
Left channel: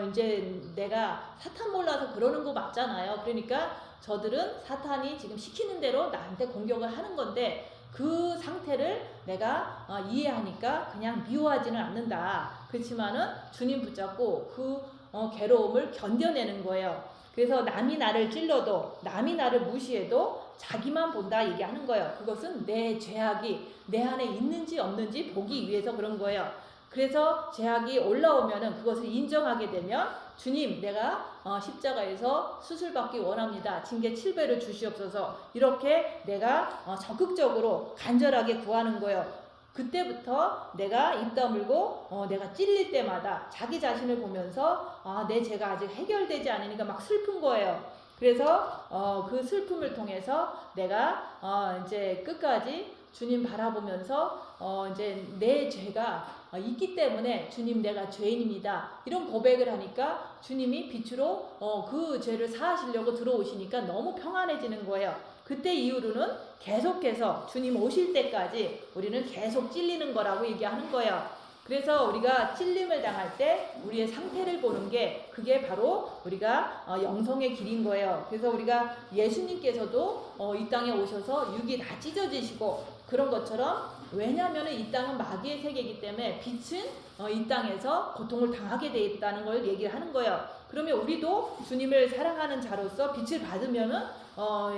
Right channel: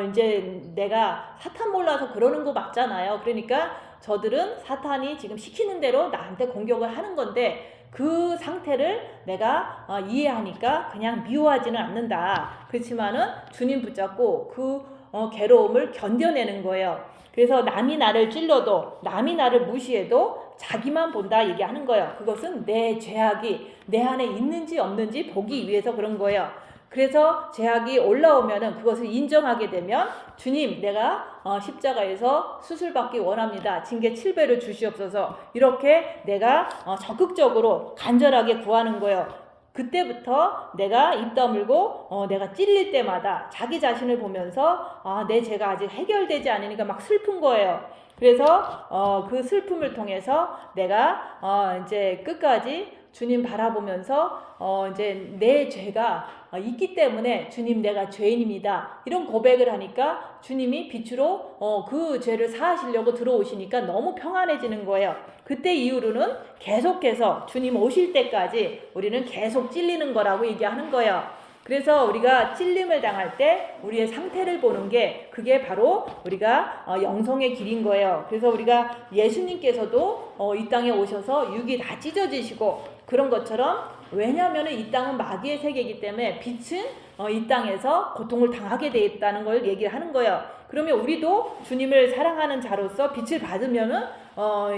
이제 내가 사탄 몰라서 그러는 거 맞잖아요. 그러니까 저들은 사탄이 지금 시키는 대로 나한테 공격을 하는 건데 그 상태를 내가 이해하니까 그냥 미워하지는 않는다. 그렇지만은 주님 붙잡고 그 괴로움을 견뎌내는 거예요. 그래서 남이 나를 찔러도 남이 나를 무시해도 자기만 본다 얘기하는 거예요. 그것은 내 죄악이 내 안에 있는지 없는지 보기 위해서 그런 거예요. 그래서 죄악이 올라오면은 그것을 인정하게 되면 주님 내가 십자가에서 수술받기 원합니다. 징계 7배를 주시옵소서. 이렇게 내가 적극적으로 간절하게 구하는 거예요. 그때부터 내가 입 다물고 내가 찔릴 때마다 자기 자신을 보면서 내 죄가 아직 해결되지 않으니까 막 슬픈 거예요. 그래서 그 슬픔을 통해서 내가 이제 끝까지 주님 바라보면서 이제 내 죄가 있기 때문에 주님 내가 죄인입니다. 이런 고백을 하니까 주님이 빛으로 그 죄를 사하시려고 들어오시니까 너무 평안해지는 거예요. 그때 이후로는 계속해서 주님 오실 때까지 우리는 계속 찔리는 거라고 얘기하는 거예요. 그래서 우리가 찔림을 당할 때 우리의 상태를 보는 게 그게 바로 우리가 영성의 길인 거예요. 그래서 우리가 예수님께서도 이 땅에 오셔서 육이 다 찢어지시고 그런 것처럼 왜냐하면 이 땅은 마귀의 세계이기 때문에 빛은 이 땅에서 고통을 당하게 되어 있다는 걸 얘기하는 거예요. 그러면 우리도 주님을 사랑하는 자로서 빛을 받으면은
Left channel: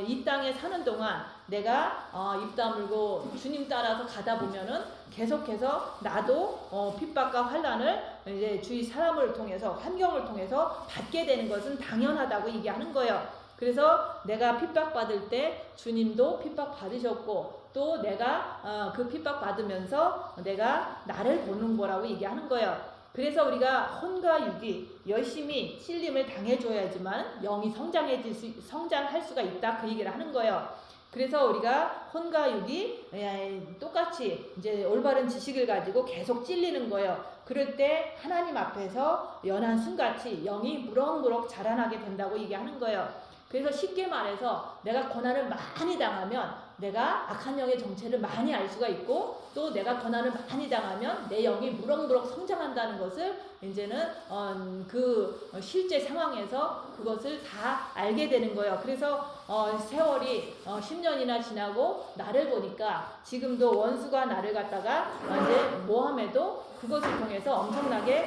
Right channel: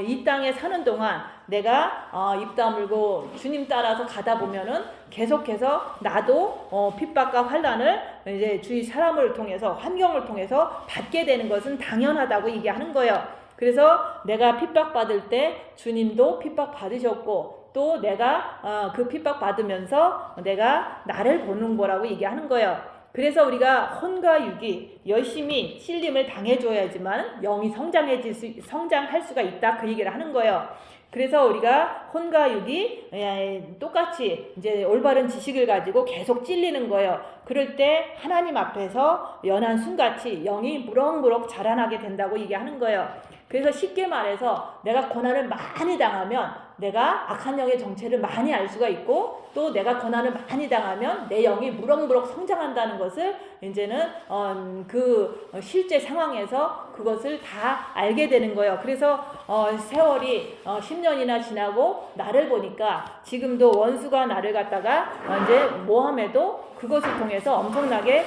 이 땅에 사는 동안 내가 입 다물고 주님 따라서 가다 보면은 계속해서 나도 핍박과 환난을 이제 주위 사람을 통해서 환경을 통해서 받게 되는 것은 당연하다고 얘기하는 거예요. 그래서 내가 핍박받을 때 주님도 핍박받으셨고 또 내가 그 핍박받으면서 내가 나를 보는 거라고 얘기하는 거예요. 그래서 우리가 혼과 육이 열심히 찔림을 당해줘야지만 영이 성장할 수가 있다 그 얘기를 하는 거예요. 그래서 우리가 혼과 육이 똑같이 이제 올바른 지식을 가지고 계속 찔리는 거예요. 그럴 때 하나님 앞에서 연한 순같이 영이 무럭무럭 자라나게 된다고 얘기하는 거예요. 그래서 쉽게 말해서 내가 고난을 많이 당하면 내가 악한 영의 정체를 많이 알 수가 있고 또 내가 고난을 많이 당하면 내 영이 무럭무럭 성장한다는 것을 이제는 그 실제 상황에서 그것을 다 알게 되는 거예요. 그래서 세월이 10년이나 지나고 나를 보니까 지금도 원수가 나를 갖다가 이제 모함해도 그것을 통해서 엄청나게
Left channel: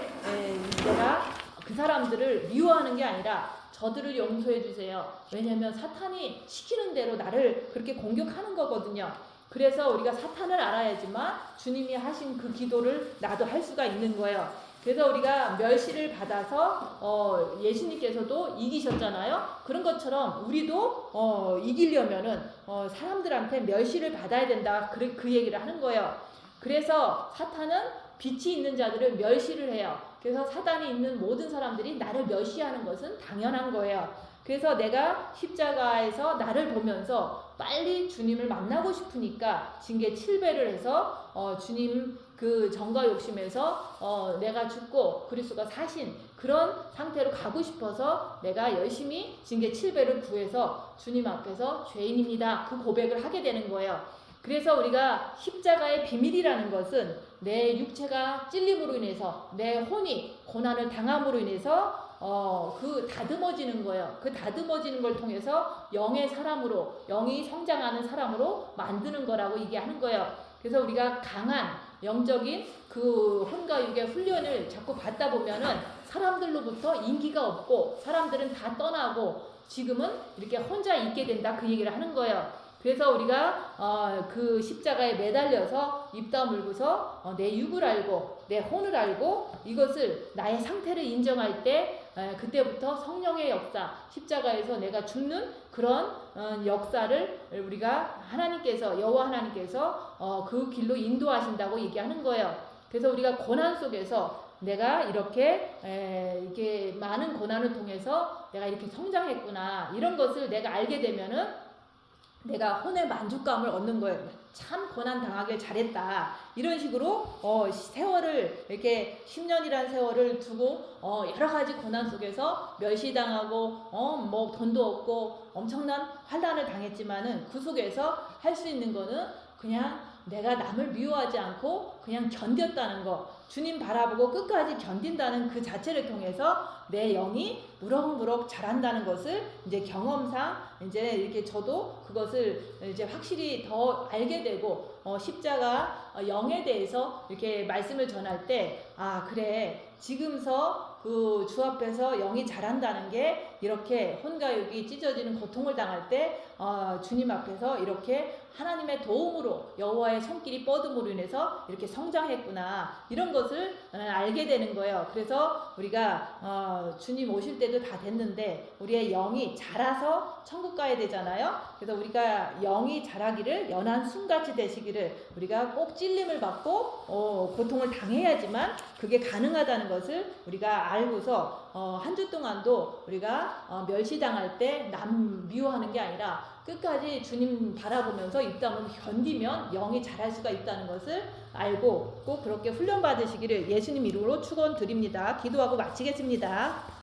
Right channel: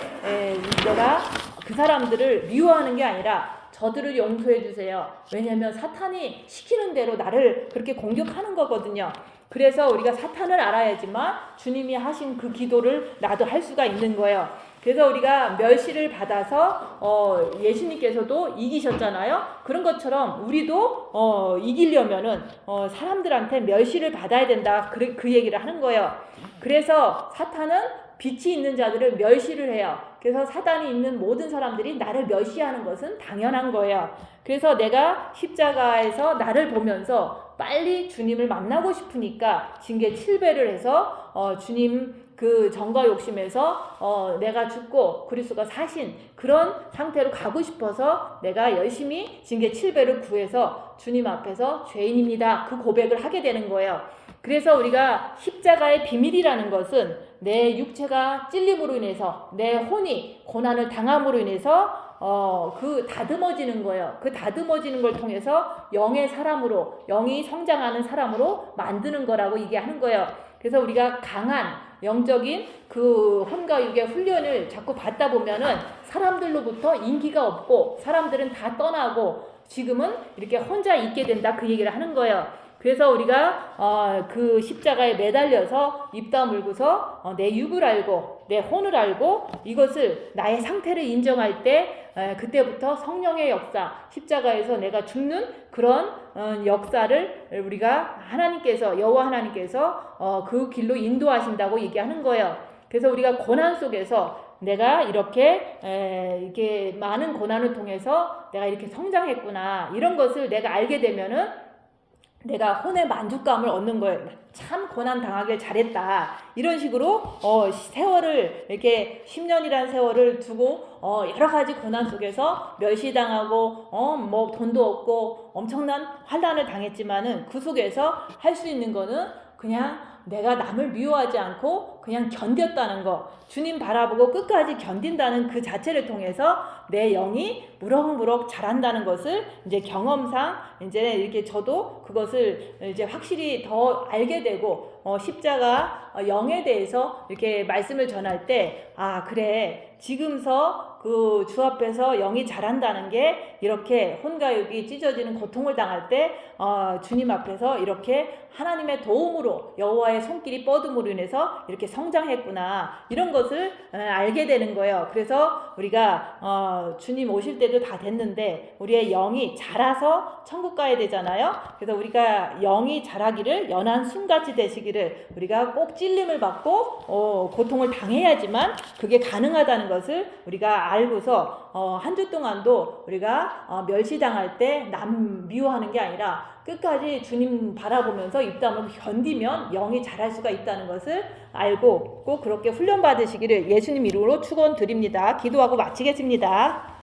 내가 그 사람들을 미워하는 게 아니라 저들을 용서해 주세요. 왜냐하면 사탄이 시키는 대로 나를 그렇게 공격하는 거거든요. 그래서 우리가 사탄을 알아야지만 주님이 하신 그 기도를 나도 할 수가 있는 거예요. 그래서 우리가 멸시를 받아서 예수님께서도 이기셨잖아요. 그런 것처럼 우리도 이기려면은 사람들한테 멸시를 받아야 된다. 그 얘기를 하는 거예요. 그래서 사탄은 빛이 있는 자들을 멸시를 해요. 그래서 사단이 있는 모든 사람들이 나를 멸시하는 것은 당연한 거예요. 그래서 내가 십자가에서 나를 보면서 빨리 주님을 만나고 싶으니까 징계 7배를 해서 주님 그 정과 욕심에서 내가 죽고 그리스도가 사신 그런 상태로 가고 싶어서 내가 열심히 징계 7배를 구해서 주님 앞에서 죄인입니다. 그 고백을 하게 되는 거예요. 그래서 우리가 십자가의 비밀이라는 것은 내 육체가 찔림으로 인해서 내 혼이 고난을 당함으로 인해서 그 다듬어지는 거예요. 그 다듬어지는 걸 통해서 영의 사람으로 영이 성장하는 사람으로 만드는 거라고 얘기하는 거예요. 그래서 우리가 강한 영적인 그 혼과 육의 훈련을 자꾸 받다 보면은 사람들로부터 인기가 없고 사람들은 다 떠나고 지금은 이렇게 혼자 있게 된다 그 얘기를 하는 거예요. 그래서 우리가 그 십자가에 매달려서 입 다물고서 내 육을 알고 내 혼을 알고 이것을 나의 상태를 인정할 때 그때부터 성령의 역사 십자가에서 내가 죽는 그런 역사를 우리가 하나님께서 여호와 하나님께서 그 길로 인도하신다고 얘기하는 거예요. 그래서 우리가 고난 속에서 내가 이렇게 많은 고난을 통해서 내가 이렇게 성장했구나 이런 것을 내가 알게 되면은 내가 혼의 만족감을 얻는 거예요. 참 고난 당하길 잘했다. 이런 식으로 세월을 이렇게 10년이라는 세월을 두고 여러 가지 고난 속에서 멸시당하고 뭐 돈도 없고 엄청난 환난을 당했지만은 그 속에서 할 수 있는 거는 그냥 내가 남을 미워하지 않고 그냥 견뎠다는 거. 주님 바라보고 끝까지 견딘다는 그 자체를 통해서 내 영이 무럭무럭 자란다는 것을 이제 경험상 이제 이렇게 저도 그것을 이제 확실히 더 알게 되고 십자가 영에 대해서 이렇게 말씀을 전할 때 아 그래 지금서 그 주 앞에서 영이 자란다는 게 이렇게 혼과 육이 찢어지는 고통을 당할 때 주님 앞에서 이렇게 하나님의 도움으로 여호와의 손길이 뻗음으로 인해서 이렇게 성장했구나 이런 것을 알게 되는 거예요. 그래서 우리가 주님 오실 때도 다 됐는데 우리의 영이 자라서 천국 가야 되잖아요. 그래서 우리가 영이 자라기를 연한 순같이 되시기를 받으시기를, 우리가 꼭 찔림을 받고 고통을 당해야지만 그게 가능하다는 것을 우리가 알고서 한 주 동안도 우리가 멸시당할 때 남 미워하는 게 아니라 끝까지 주님 바라보면서 입담을 견디면 영이 자랄 수가 있다는 것을 알고 꼭 그렇게 훈련 받으시기를 예수님 이름으로 축원드립니다. 기도하고 마치겠습니다.